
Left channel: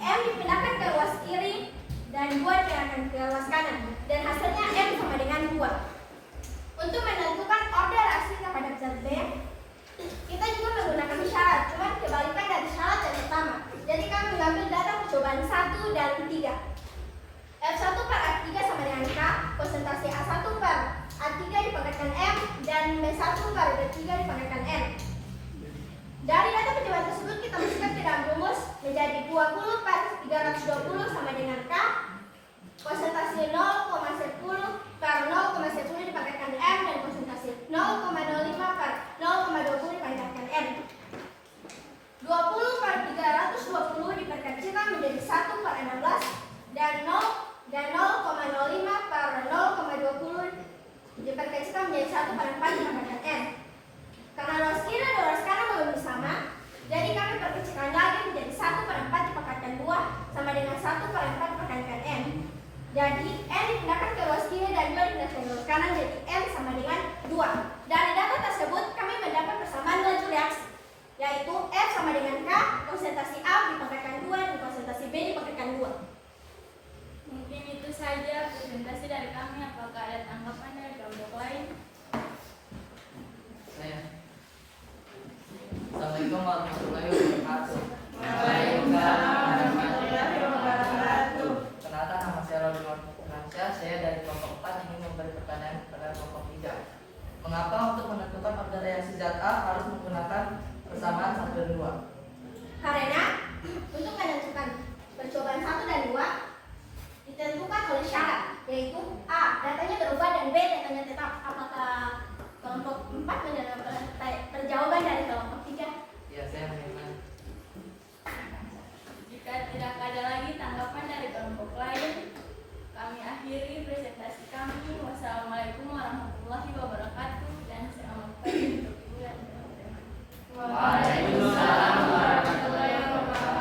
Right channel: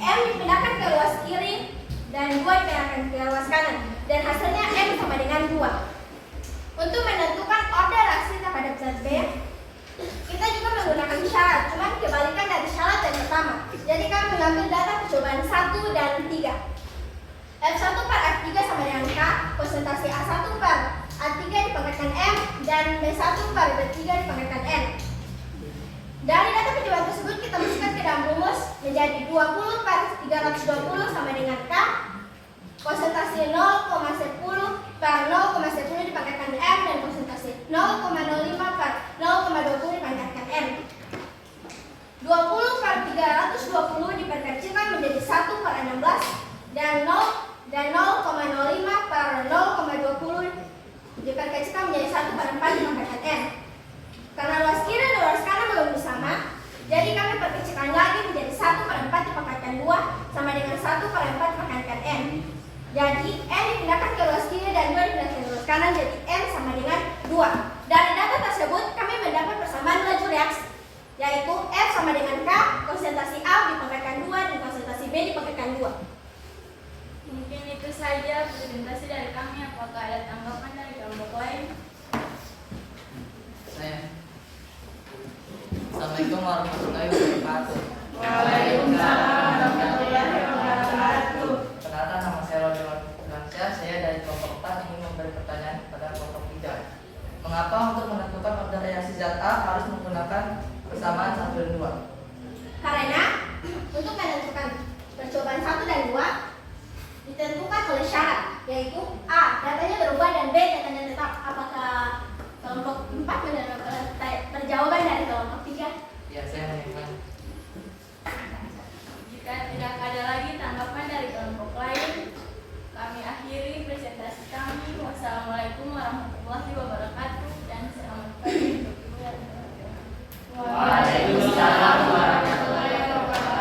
M dipindahkan ke ruas kiri dan 2 dipindahkan ke ruas kanan, dan hasilnya M sama dengan 2. Untuk menentukan order reaksi terhadap zat B, kita juga menggunakan syarat, cuman kebalikan dari syarat yang pertama. Jadi kami mengambil data percobaan 1 dan 3. F1 per F3 sama dengan K, konsentrasi A1 per A3 dipangkatkan M, dan B1 per B3 dipangkatkan N. Dari data percobaan tersebut kita masukkan ke dalam rumus menjadi 20 per 320 sama dengan K, konsentrasi 0,10 per 0,10 dipangkatkan M, dan konsentrasi 0,05 per 0,20 dipangkatkan N. 20 per 320 diperkecilkan menjadi 1 per 16, dan 0,05 per 0,20 diperkecilkan menjadi 1 per 4 dipangkatkan N. Karena ruas kiri dan ruas kanan belum sama, jadi kami perkecilkan lagi menjadi 1 per 4 dipangkatkan 2 sama dengan 1 per 4 dipangkatkan N. Jadi N dipindahkan ke ruas kiri dan 2 dipindahkan ke ruas kanan, jadi N sama dengan 2. Dari data tersebut kami mendapat persamaan laju reaksi, yaitu F sama dengan K, konsentrasi A dipangkatkan 2 dan konsentrasi B dipangkatkan 2. Mungkin itu saja presentasi dari kami. Apakah ada tanggapan dari kelompok lain? Saya. Assalamualaikum warahmatullahi wabarakatuh. Waalaikumsalam warahmatullahi wabarakatuh. Perkenalkan, nama saya Robin Lansyah. Saya dari kelompok 4 ingin memberi pertanyaan kepada kelompok 3. Mengapa untuk menentukan order reaksi zat A harus menggunakan persamaan 1 dan 2? Karena untuk menentukan percobaan 1 dan 2 ditentukan oleh syarat, yaitu A. Datanya berubah dan B. Datanya tetap. Apakah kelompok 4 mendapatkan perjawaban dari kelompok 3? Ya, saya mendengar. Jika tidak ada lagi tanggapan dari kelompok lain, kami akhiri presentasi kami. Wassalamualaikum warahmatullahi wabarakatuh, dan selamat pagi untuk ibu dan teman-teman. Waalaikumsalam warahmatullahi wabarakatuh.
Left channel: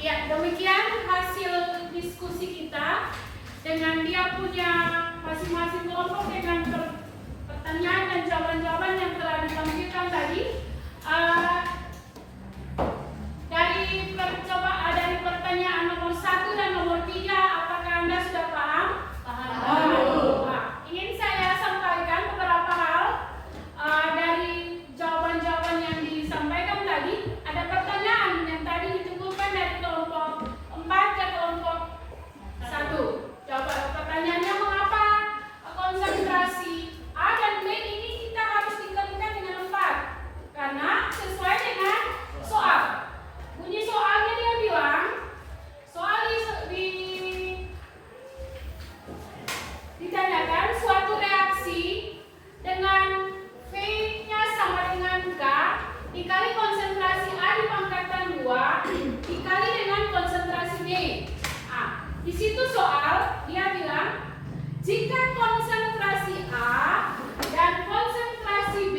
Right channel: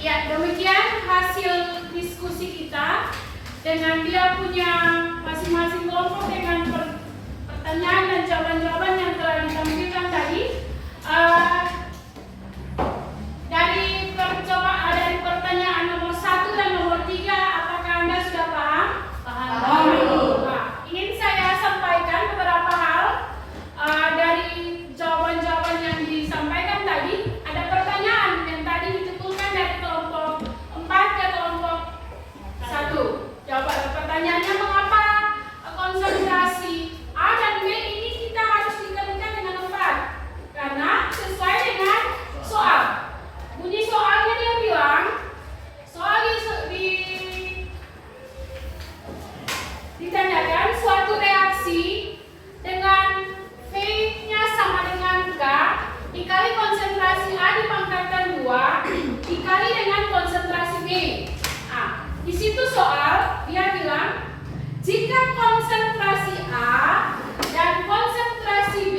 Ya, demikian hasil diskusi kita dengan dia punya masing-masing kelompok dengan pertanyaan dan jawaban-jawaban yang telah ditampilkan tadi. Dari pertanyaan nomor 1 dan nomor 3, apakah Anda sudah paham? Paham. Nah, ingin saya sampaikan beberapa hal dari jawaban-jawaban yang disampaikan tadi. Ada pertanyaan yang tadi ditimbulkan dari kelompok 4 ke kelompok 1. Pertanyaannya, mengapa konsentrasi A dan B ini kita harus dikalikan dengan 4? Karena sesuai dengan soal. Bunyi soalnya dia bilang, soal ditanyakan suatu reaksi dengan V-nya sama dengan K dikali konsentrasi A dipangkatkan 2 dikali dengan konsentrasi B. Nah, di situ soal dia bilang jika konsentrasi A dan konsentrasi B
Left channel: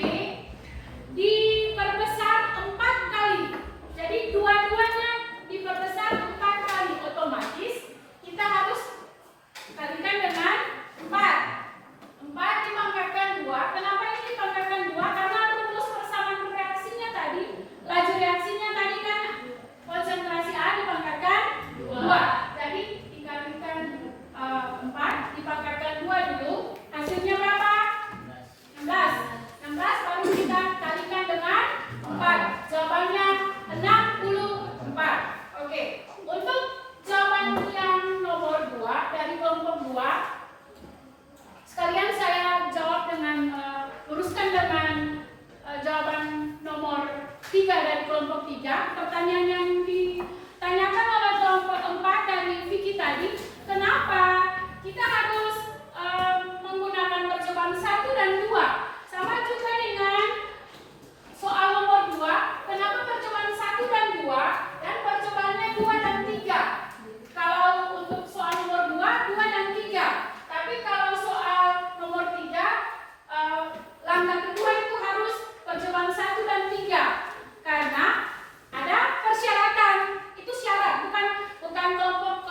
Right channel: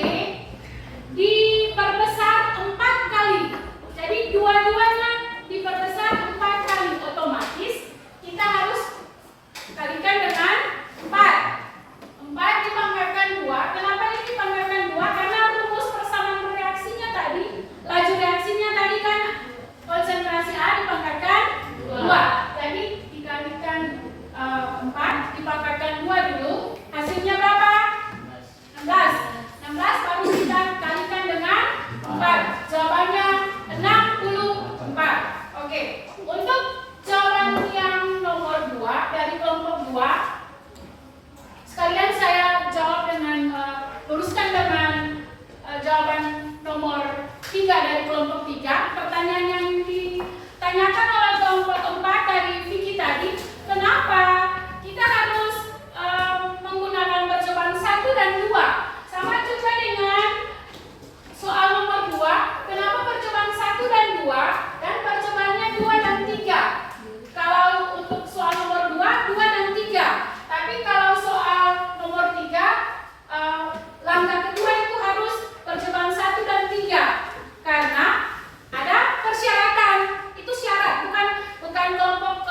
diperbesar 4 kali, jadi dua-duanya diperbesar 4 kali, otomatis kita harus kalikan dengan 4. 4 dipangkatkan 2. Kenapa ini dipangkatkan 2? Karena rumus persamaan reaksinya tadi, laju reaksinya tadi kan konsentrasi A dipangkatkan 2. Jadi dikalikan 4 dipangkatkan 2 dulu. Hasilnya berapa? 16. 16 baru kita kalikan dengan 4. Jawabannya 64. Oke. Untuk jawaban yang nomor 2 dari kelompok 2, sekalian saya jawab dengan luruskan dengan jawaban nomor 3 dari kelompok 3. Pertanyaan yang ditanyakan oleh kelompok 4 dari Vicky tadi, kenapa kita harus menggunakan percobaan 1 dan 2? Sama juga dengan soal nomor 2, kenapa percobaan 1 dan 2 dan percobaannya 2 dan 3? Kalau untuk soal nomor 2, 2 dan 3. Tapi kalau soal nomor 3, langkah kedua itu harus percobaan 1 dan 3. Karena ada persyaratan. Itu syarat, bukan kelompok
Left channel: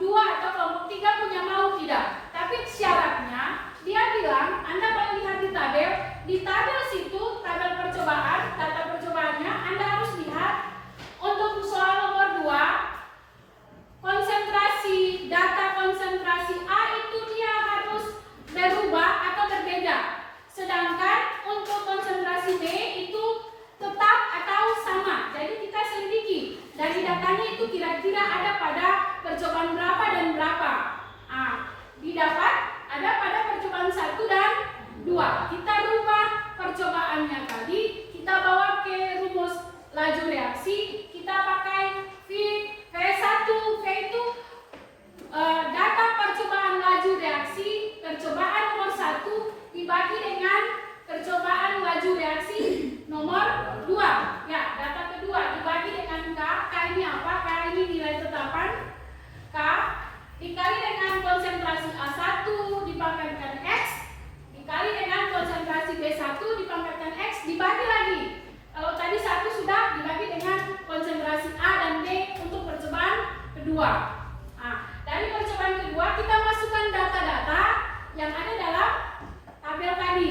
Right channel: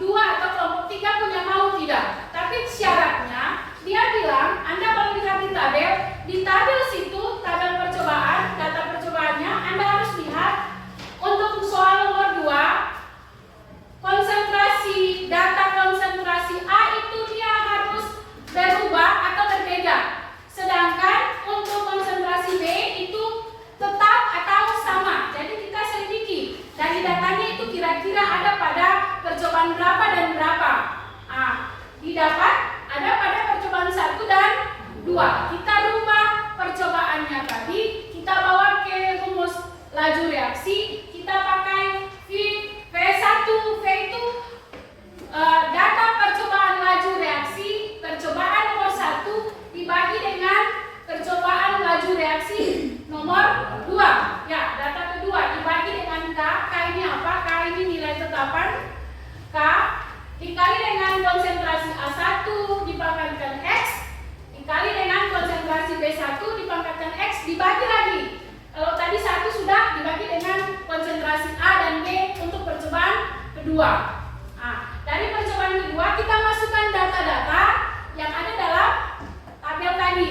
2 atau kelompok 3 punya mau tidak. Tapi syaratnya dia bilang, Anda boleh lihat di tabel situ, tabel percobaan, data percobaannya, Anda harus lihat untuk soal nomor 2, data konsentrasi A itu dia harus berubah atau berbeda. Sedangkan untuk konsentrasi B itu tetap atau sama. Jadi kita selidiki dari datanya itu kira-kira ada pada percobaan berapa dan berapa. Didapat ada pada percobaan 1 dan 2. Kita rubah percobaannya tadi, kita bawa ke rumus laju reaksi, kita pakai V1. V itu data percobaan laju reaksi, percobaan nomor 1 dibagi dengan percobaan laju reaksi nomor 2. Ya, data kedua dibagi dengan K. K ini apa? K ini nilai tetapan K dikali dengan konsentrasi A1 dipangkatkan X dikali dengan konsentrasi B1 dipangkatkan X dibagi lagi. Kalau tadi 1 sudah dibagi dengan konsentrasi A dan B untuk percobaan kedua. Dari percobaan kedua kita masukkan data-data yang ada dalam tabel tadi.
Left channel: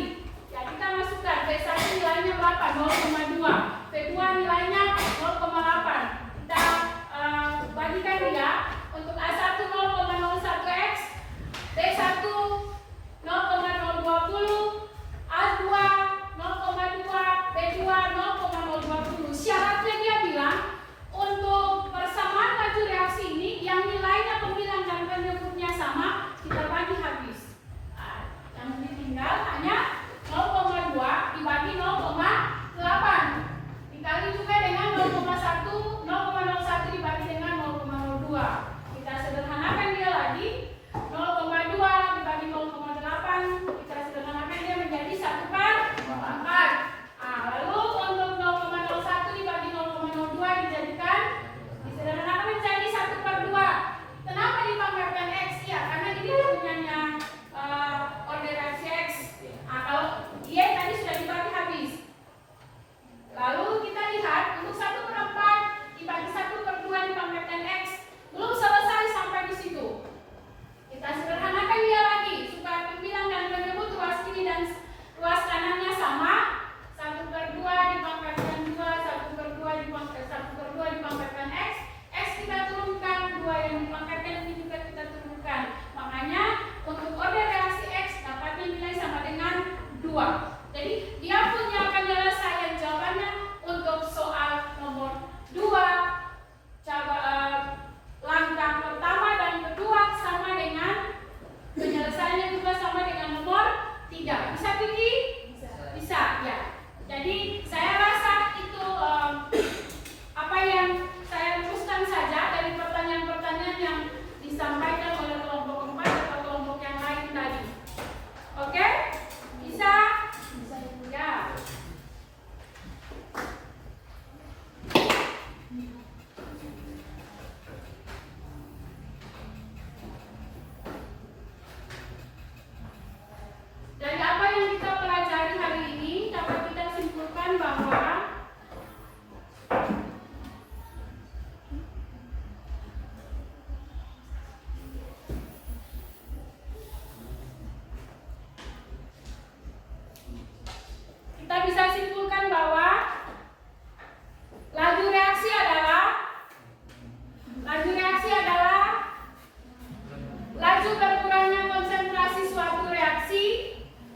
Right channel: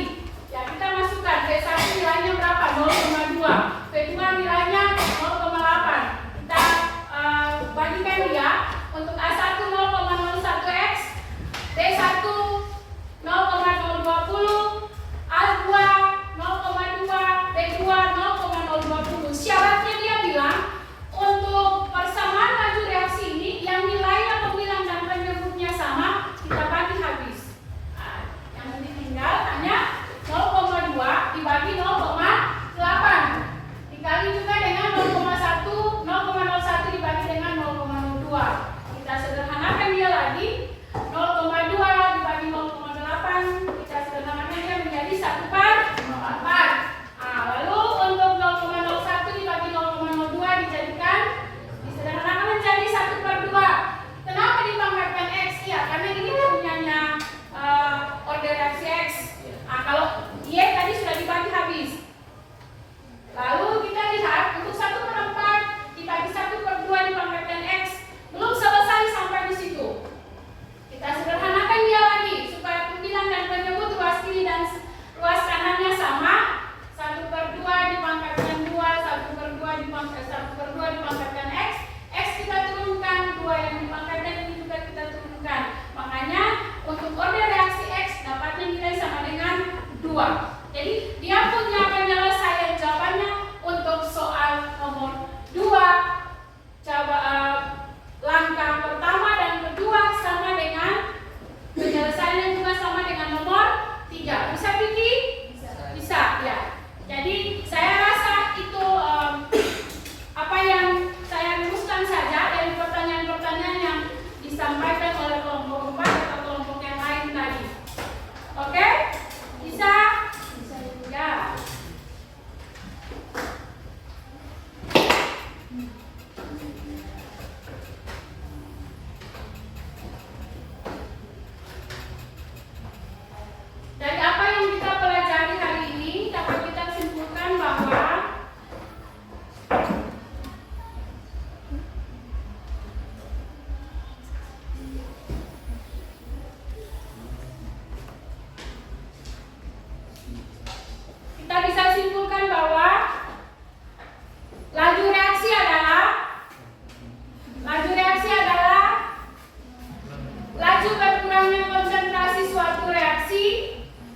Ya, kita masukkan V1 nilainya berapa? 0,2. V2 nilainya 0,8. Kita bagikan dia. Untuk A1 0,01X, B1 0,020, A2 0,2, B2 0,020. Syaratnya dia bilang untuk persamaan laju reaksi ini yang nilainya pembilang dan penyebutnya sama, kita bagi habis. Yang ini tinggal hanya 0,2 dibagi 0,8 dikali juga dengan pangkatnya ini juga kita turunkan. Makanya untuk order reaksi X dapatnya nilai sama dengan 2. Jadi dia punya penyelesaian jawabannya untuk soal nomor 2 langkah pertama dan kedua sama dengan penyelesaiannya juga sama dengan nomor 3. Bisa Vicky? Bisa ya. Jadi saya rasa itu apa yang saya luruskan saja dari pertanyaan-pertanyaan yang disampaikan oleh kelompok 4 atau kelompok yang lain tadi. Oke? Bisa? Bisa ya. Dari apa yang kita pelajari hari ini dapat kita simpulkan bahwa kita bisa simpulkan bahwa laju reaksi adalah laju berkurangnya konsentrasi suatu reaksi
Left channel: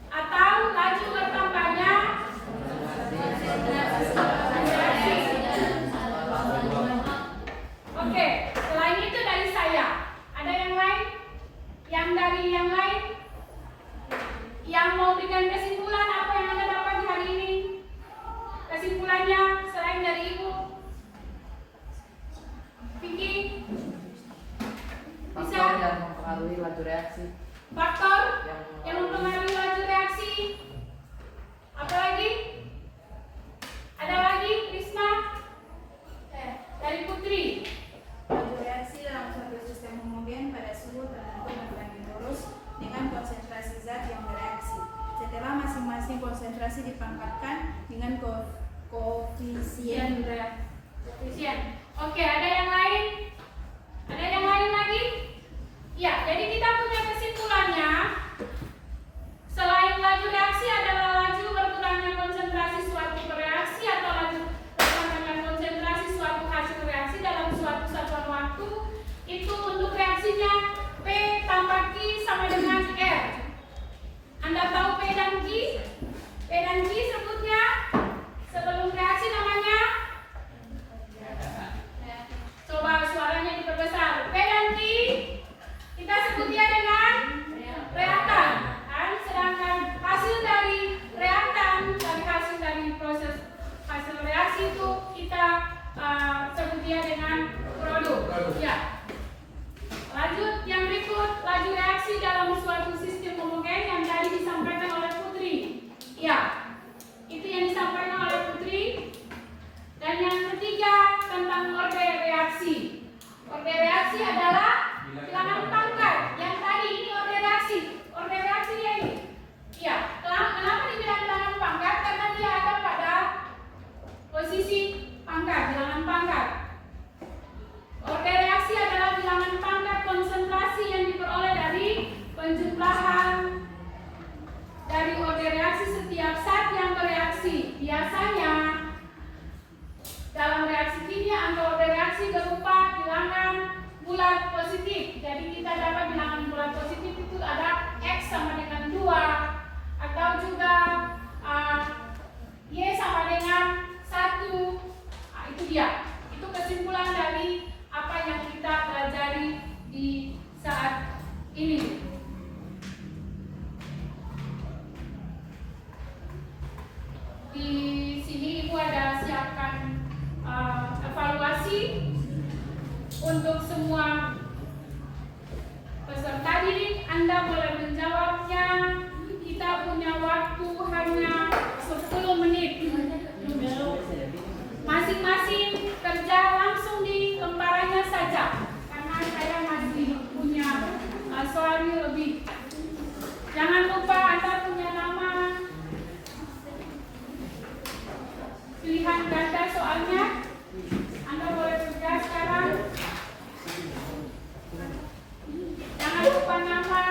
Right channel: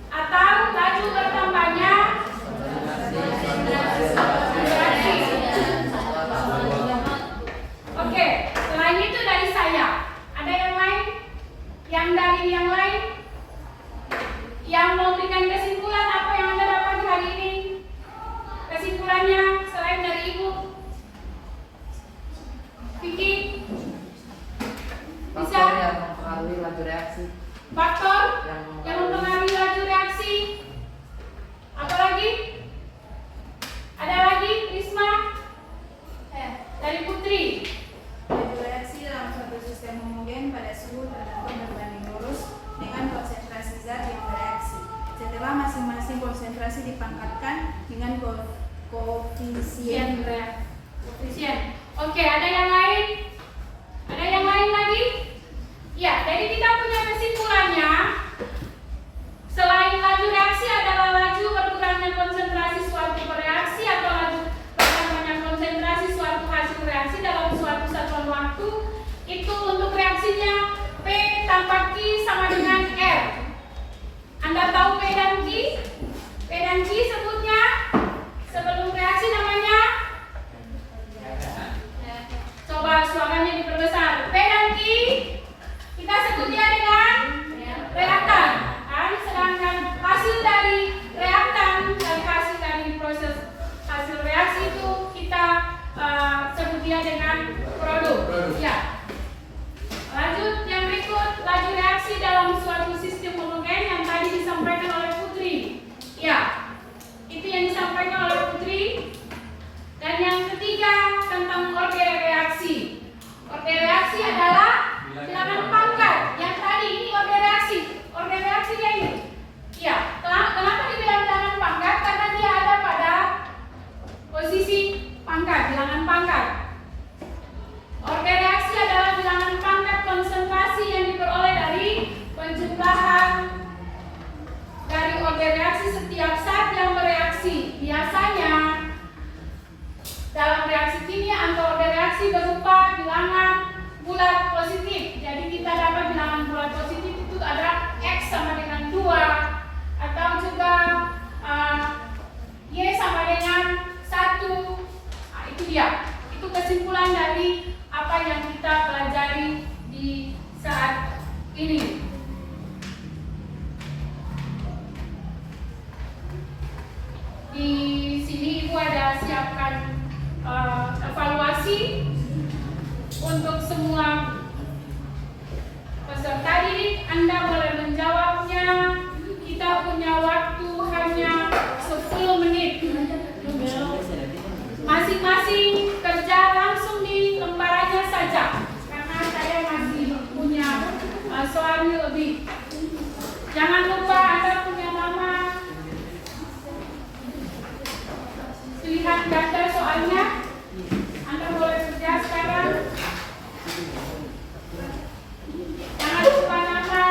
atau laju bertambahnya reaksi. Oke, selain itu dari saya, ada yang lain? Yang dari yang lain? Yang mau berikan kesimpulan apa yang Anda dapat hari ini? Kesimpulannya selain dari Ibu? Vicky? Bisa? Faktor yang mempengaruhi laju reaksi. Faktor yang mempengaruhi laju reaksi. Apalagi? Ada lagi? Risma? Dari Putri? Laju reaksi dalam suatu sistem homogen pada suhu tertentu berbanding lurus dengan konsentrasi zat yang bereaksi. Setelah masing-masing konsentrasi dipangkatkan dengan koefisien. Oke, ada yang lain? Ada yang lain lagi? Ya, jadi kita punya kesimpulannya. Selain laju reaksi adalah laju berkurangnya konsentrasi suatu reaksi atau laju bertambahnya konsentrasi suatu hasil reaksi dalam suatu satuan waktu. Itu untuk reaksinya P tambah Q sama dengan R. Anda tahu P dan Q? P dan Q sebutnya sebelum reaksi namanya? Coba suaranya diperbesar. P dan Q kita sebutnya dengan reaktan. Sedangkan hasil dari reaktan, dari hasil dari proses hasil reaksi itu kita sebutnya dengan produk. Ya. Lanjut yang berikut, laju reaksi dalam suatu sistem homogen yang tadi disampaikan oleh Putri. Ya, itu yang disampaikan oleh Putri. Dan yang ketiga tentang orde reaksi. Orde reaksi adalah bilangan pangkat. Yang tadi ini orde reaksi. Orde reaksinya ini. Ya, kenapa dibilang bilangan pangkat? Karena dia ada pada posisi pangkat, bilangan pangkat. Orde reaksi adalah bilangan pangkat konsentrasi yang diperoleh dari penjumlahan dari orde reaksi setiap zat yang bereaksi. Biasanya dalam reaksi kimia atau orde reaksi berupa bilangan bulat positif. Jadi kita dapat bilangan bulat positif itu ada X sama dengan 2 atau juga Y sama dengan 1. Itu dia. Itu kesimpulan dari apa yang kita pelajari di saat ini. Di sini Ibu ada siapkan evaluasi untuk semua peserta didik. Anda boleh menjawabnya. Kita punya waktu hanya 10 menit. Masing-masing kerja langsung di lembarannya saja, karena saya masih punya soalnya lebih. Jangan lupa Anda punya nama, pilihan ganda soalnya. Anda boleh kerja sekarang. Jangan lupa nama.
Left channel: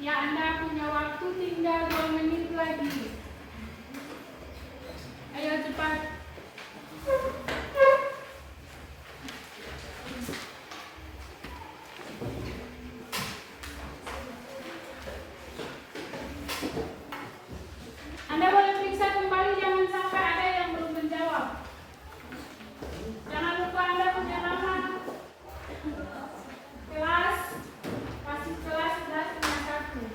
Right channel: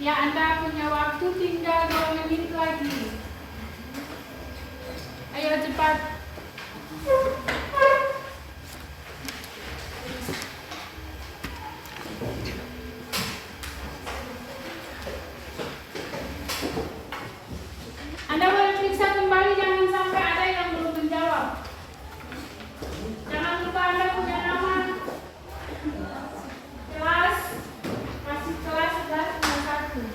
Ya, Anda punya waktu tinggal 2 menit lagi. Ayo cepat. Anda boleh periksa kembali, jangan sampai ada yang belum menjawab. Jangan lupa Anda punya nama, kelas, kasih kelas 11 1.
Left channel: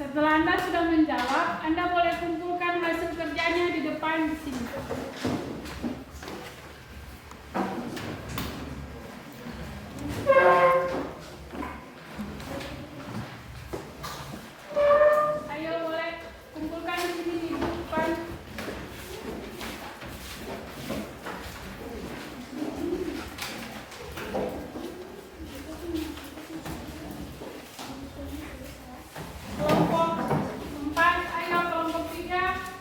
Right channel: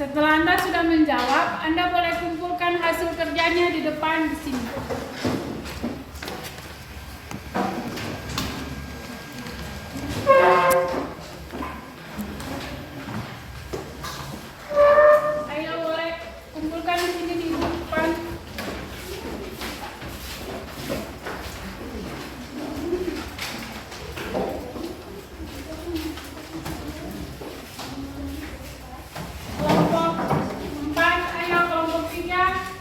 Setelah Anda sudah menjawab, Anda boleh kumpulkan hasil kerjanya di depan di sini. Ayo boleh kumpulkan di sini di depan. Kelompok 4, ayo kelompok 3.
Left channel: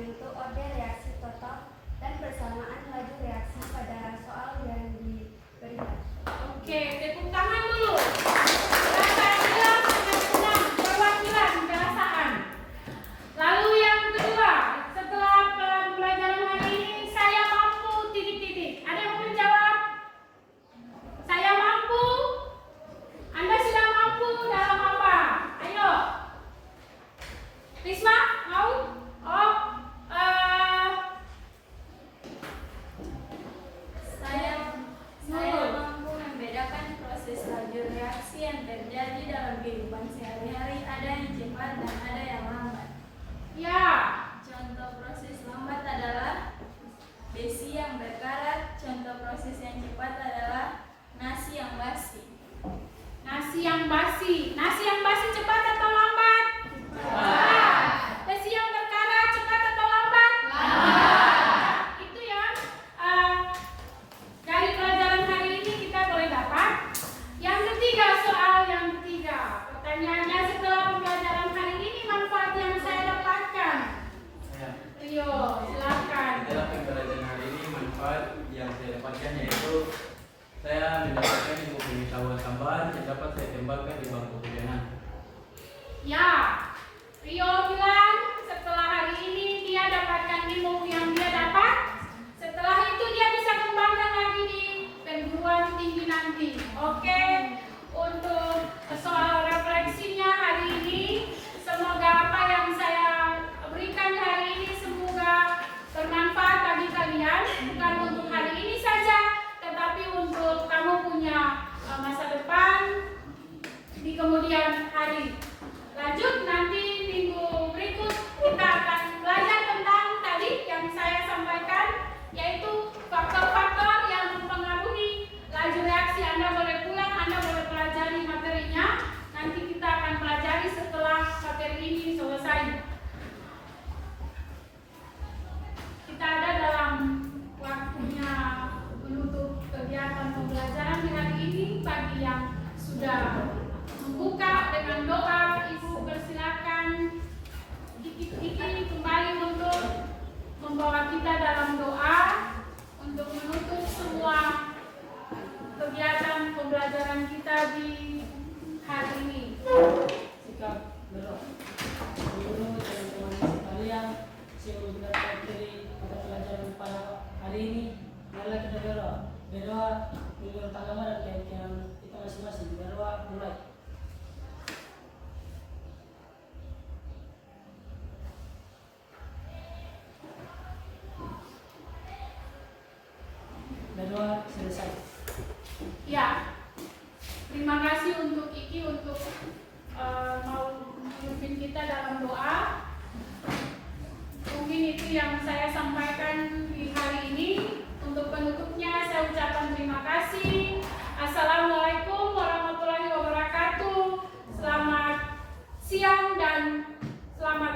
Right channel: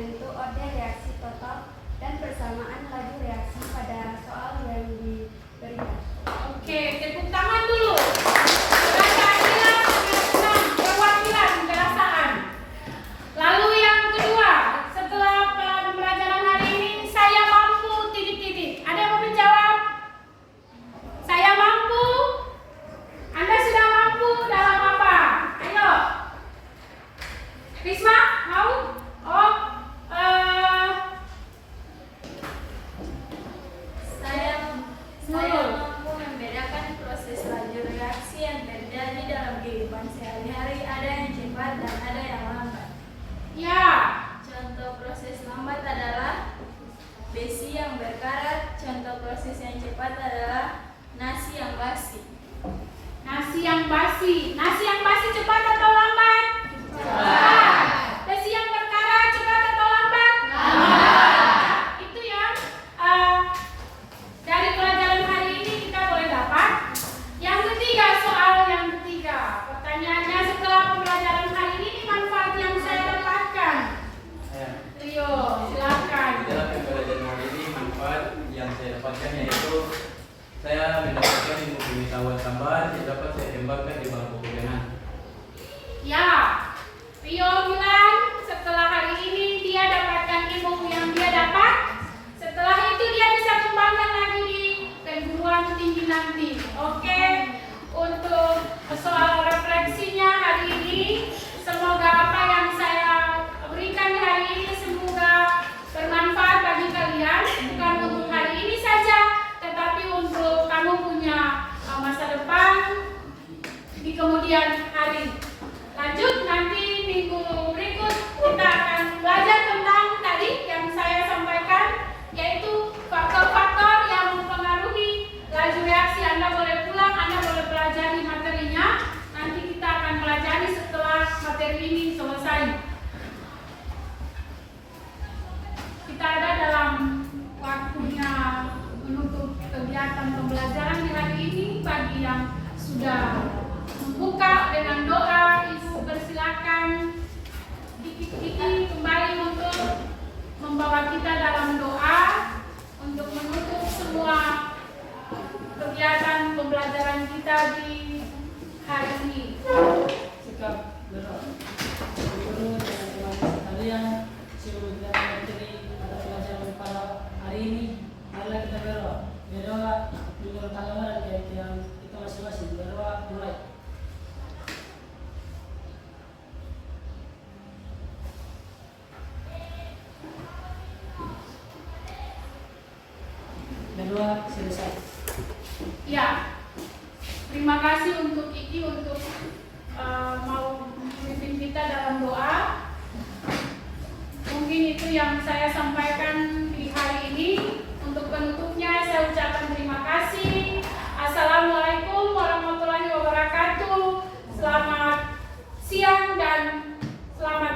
membentuk orde reaksi total dan persamaan laju reaksi pada soal yang diberikan. Oke, tepuk tangan dulu. Rasa adil, keyakinan, perwakilan, perasaan. Lalu yang kedua, setelah pembelajaran hari ini, saya mampu titik-titik. Ada yang mau menjawab? Saya mampu. Anda sudah mampu dalam apa? Ayo. Risma, mau? Oh, Saya mampu membedakan proses laju reaksi yang terjadi dalam kehidupan sehari-hari, ada yang cepat dan ada yang lambat. ya. Contoh proses lambat adalah besi yang berkarat, contoh proses yang cepat adalah nasi yang basi. Nasi yang basi. Nasi yang basi cepat atau lambat? Cepat. Besi yang berkarat cepat atau lambat? Lambat. Itu yang dari pelajaran hari ini kita boleh dapat. Yang ketiga, soal yang ketiga. Pertanyaannya, setelah pembelajaran hari ini manfaat yang saya dapatkan. Rio, silakan. Dalam pembelajaran hari ini manfaat yang saya dapatkan yaitu saya mendapatkan ilmu pengetahuan tambahan yang dapat saya kembangkan di bangku kuliah nanti. Ya, Rio bilang setelah hari ini dia dapatkan ilmu yang dia dapat. Setelah itu dia bisa kembangkan lagi di perguruan tinggi nanti. Oke, untuk soal refleksinya hari ini, semoga apa yang saya berikan hari ini semoga bermanfaat bagi kalian. Bukan untuk hari ini saja, tetapi untuk kamu punya masa depan di kemudian hari. Lanjut, nanti minggu berikut kita akan belajar tentang tadi yang saya sampaikan, yaitu faktor-faktor yang mempengaruhi laju reaksi. Anda boleh pulang, Anda boleh pelajari materinya. Nanti kita akan pelajari setelah materi ini selesai. Kita ada dalam waktunya menutup kegiatan pembelajaran di hari ini. Bagi yang sudah membuka dengan doa, Ibu persilakan Diki kembali untuk membawa kita dalam doa untuk menutup semua kegiatan pembelajaran kita di hari ini. Sikap berdoa. Guru dan teman-teman sekalian, sebelum kita materi pada pelajaran pada hari ini, marilah kita berdoa. Berdoa menurut agama dan keyakinan kita masing-masing. Berdoa mulai. Berdoa selesai. Ya, terima kasih untuk Iki untuk mau memimpin kita dalam doa. Mungkin itu yang saya sampaikan di hari ini. Untuk penutupnya saya ucapkan terima kasih. Assalamualaikum warahmatullahi wabarakatuh. Selamat siang dan selamat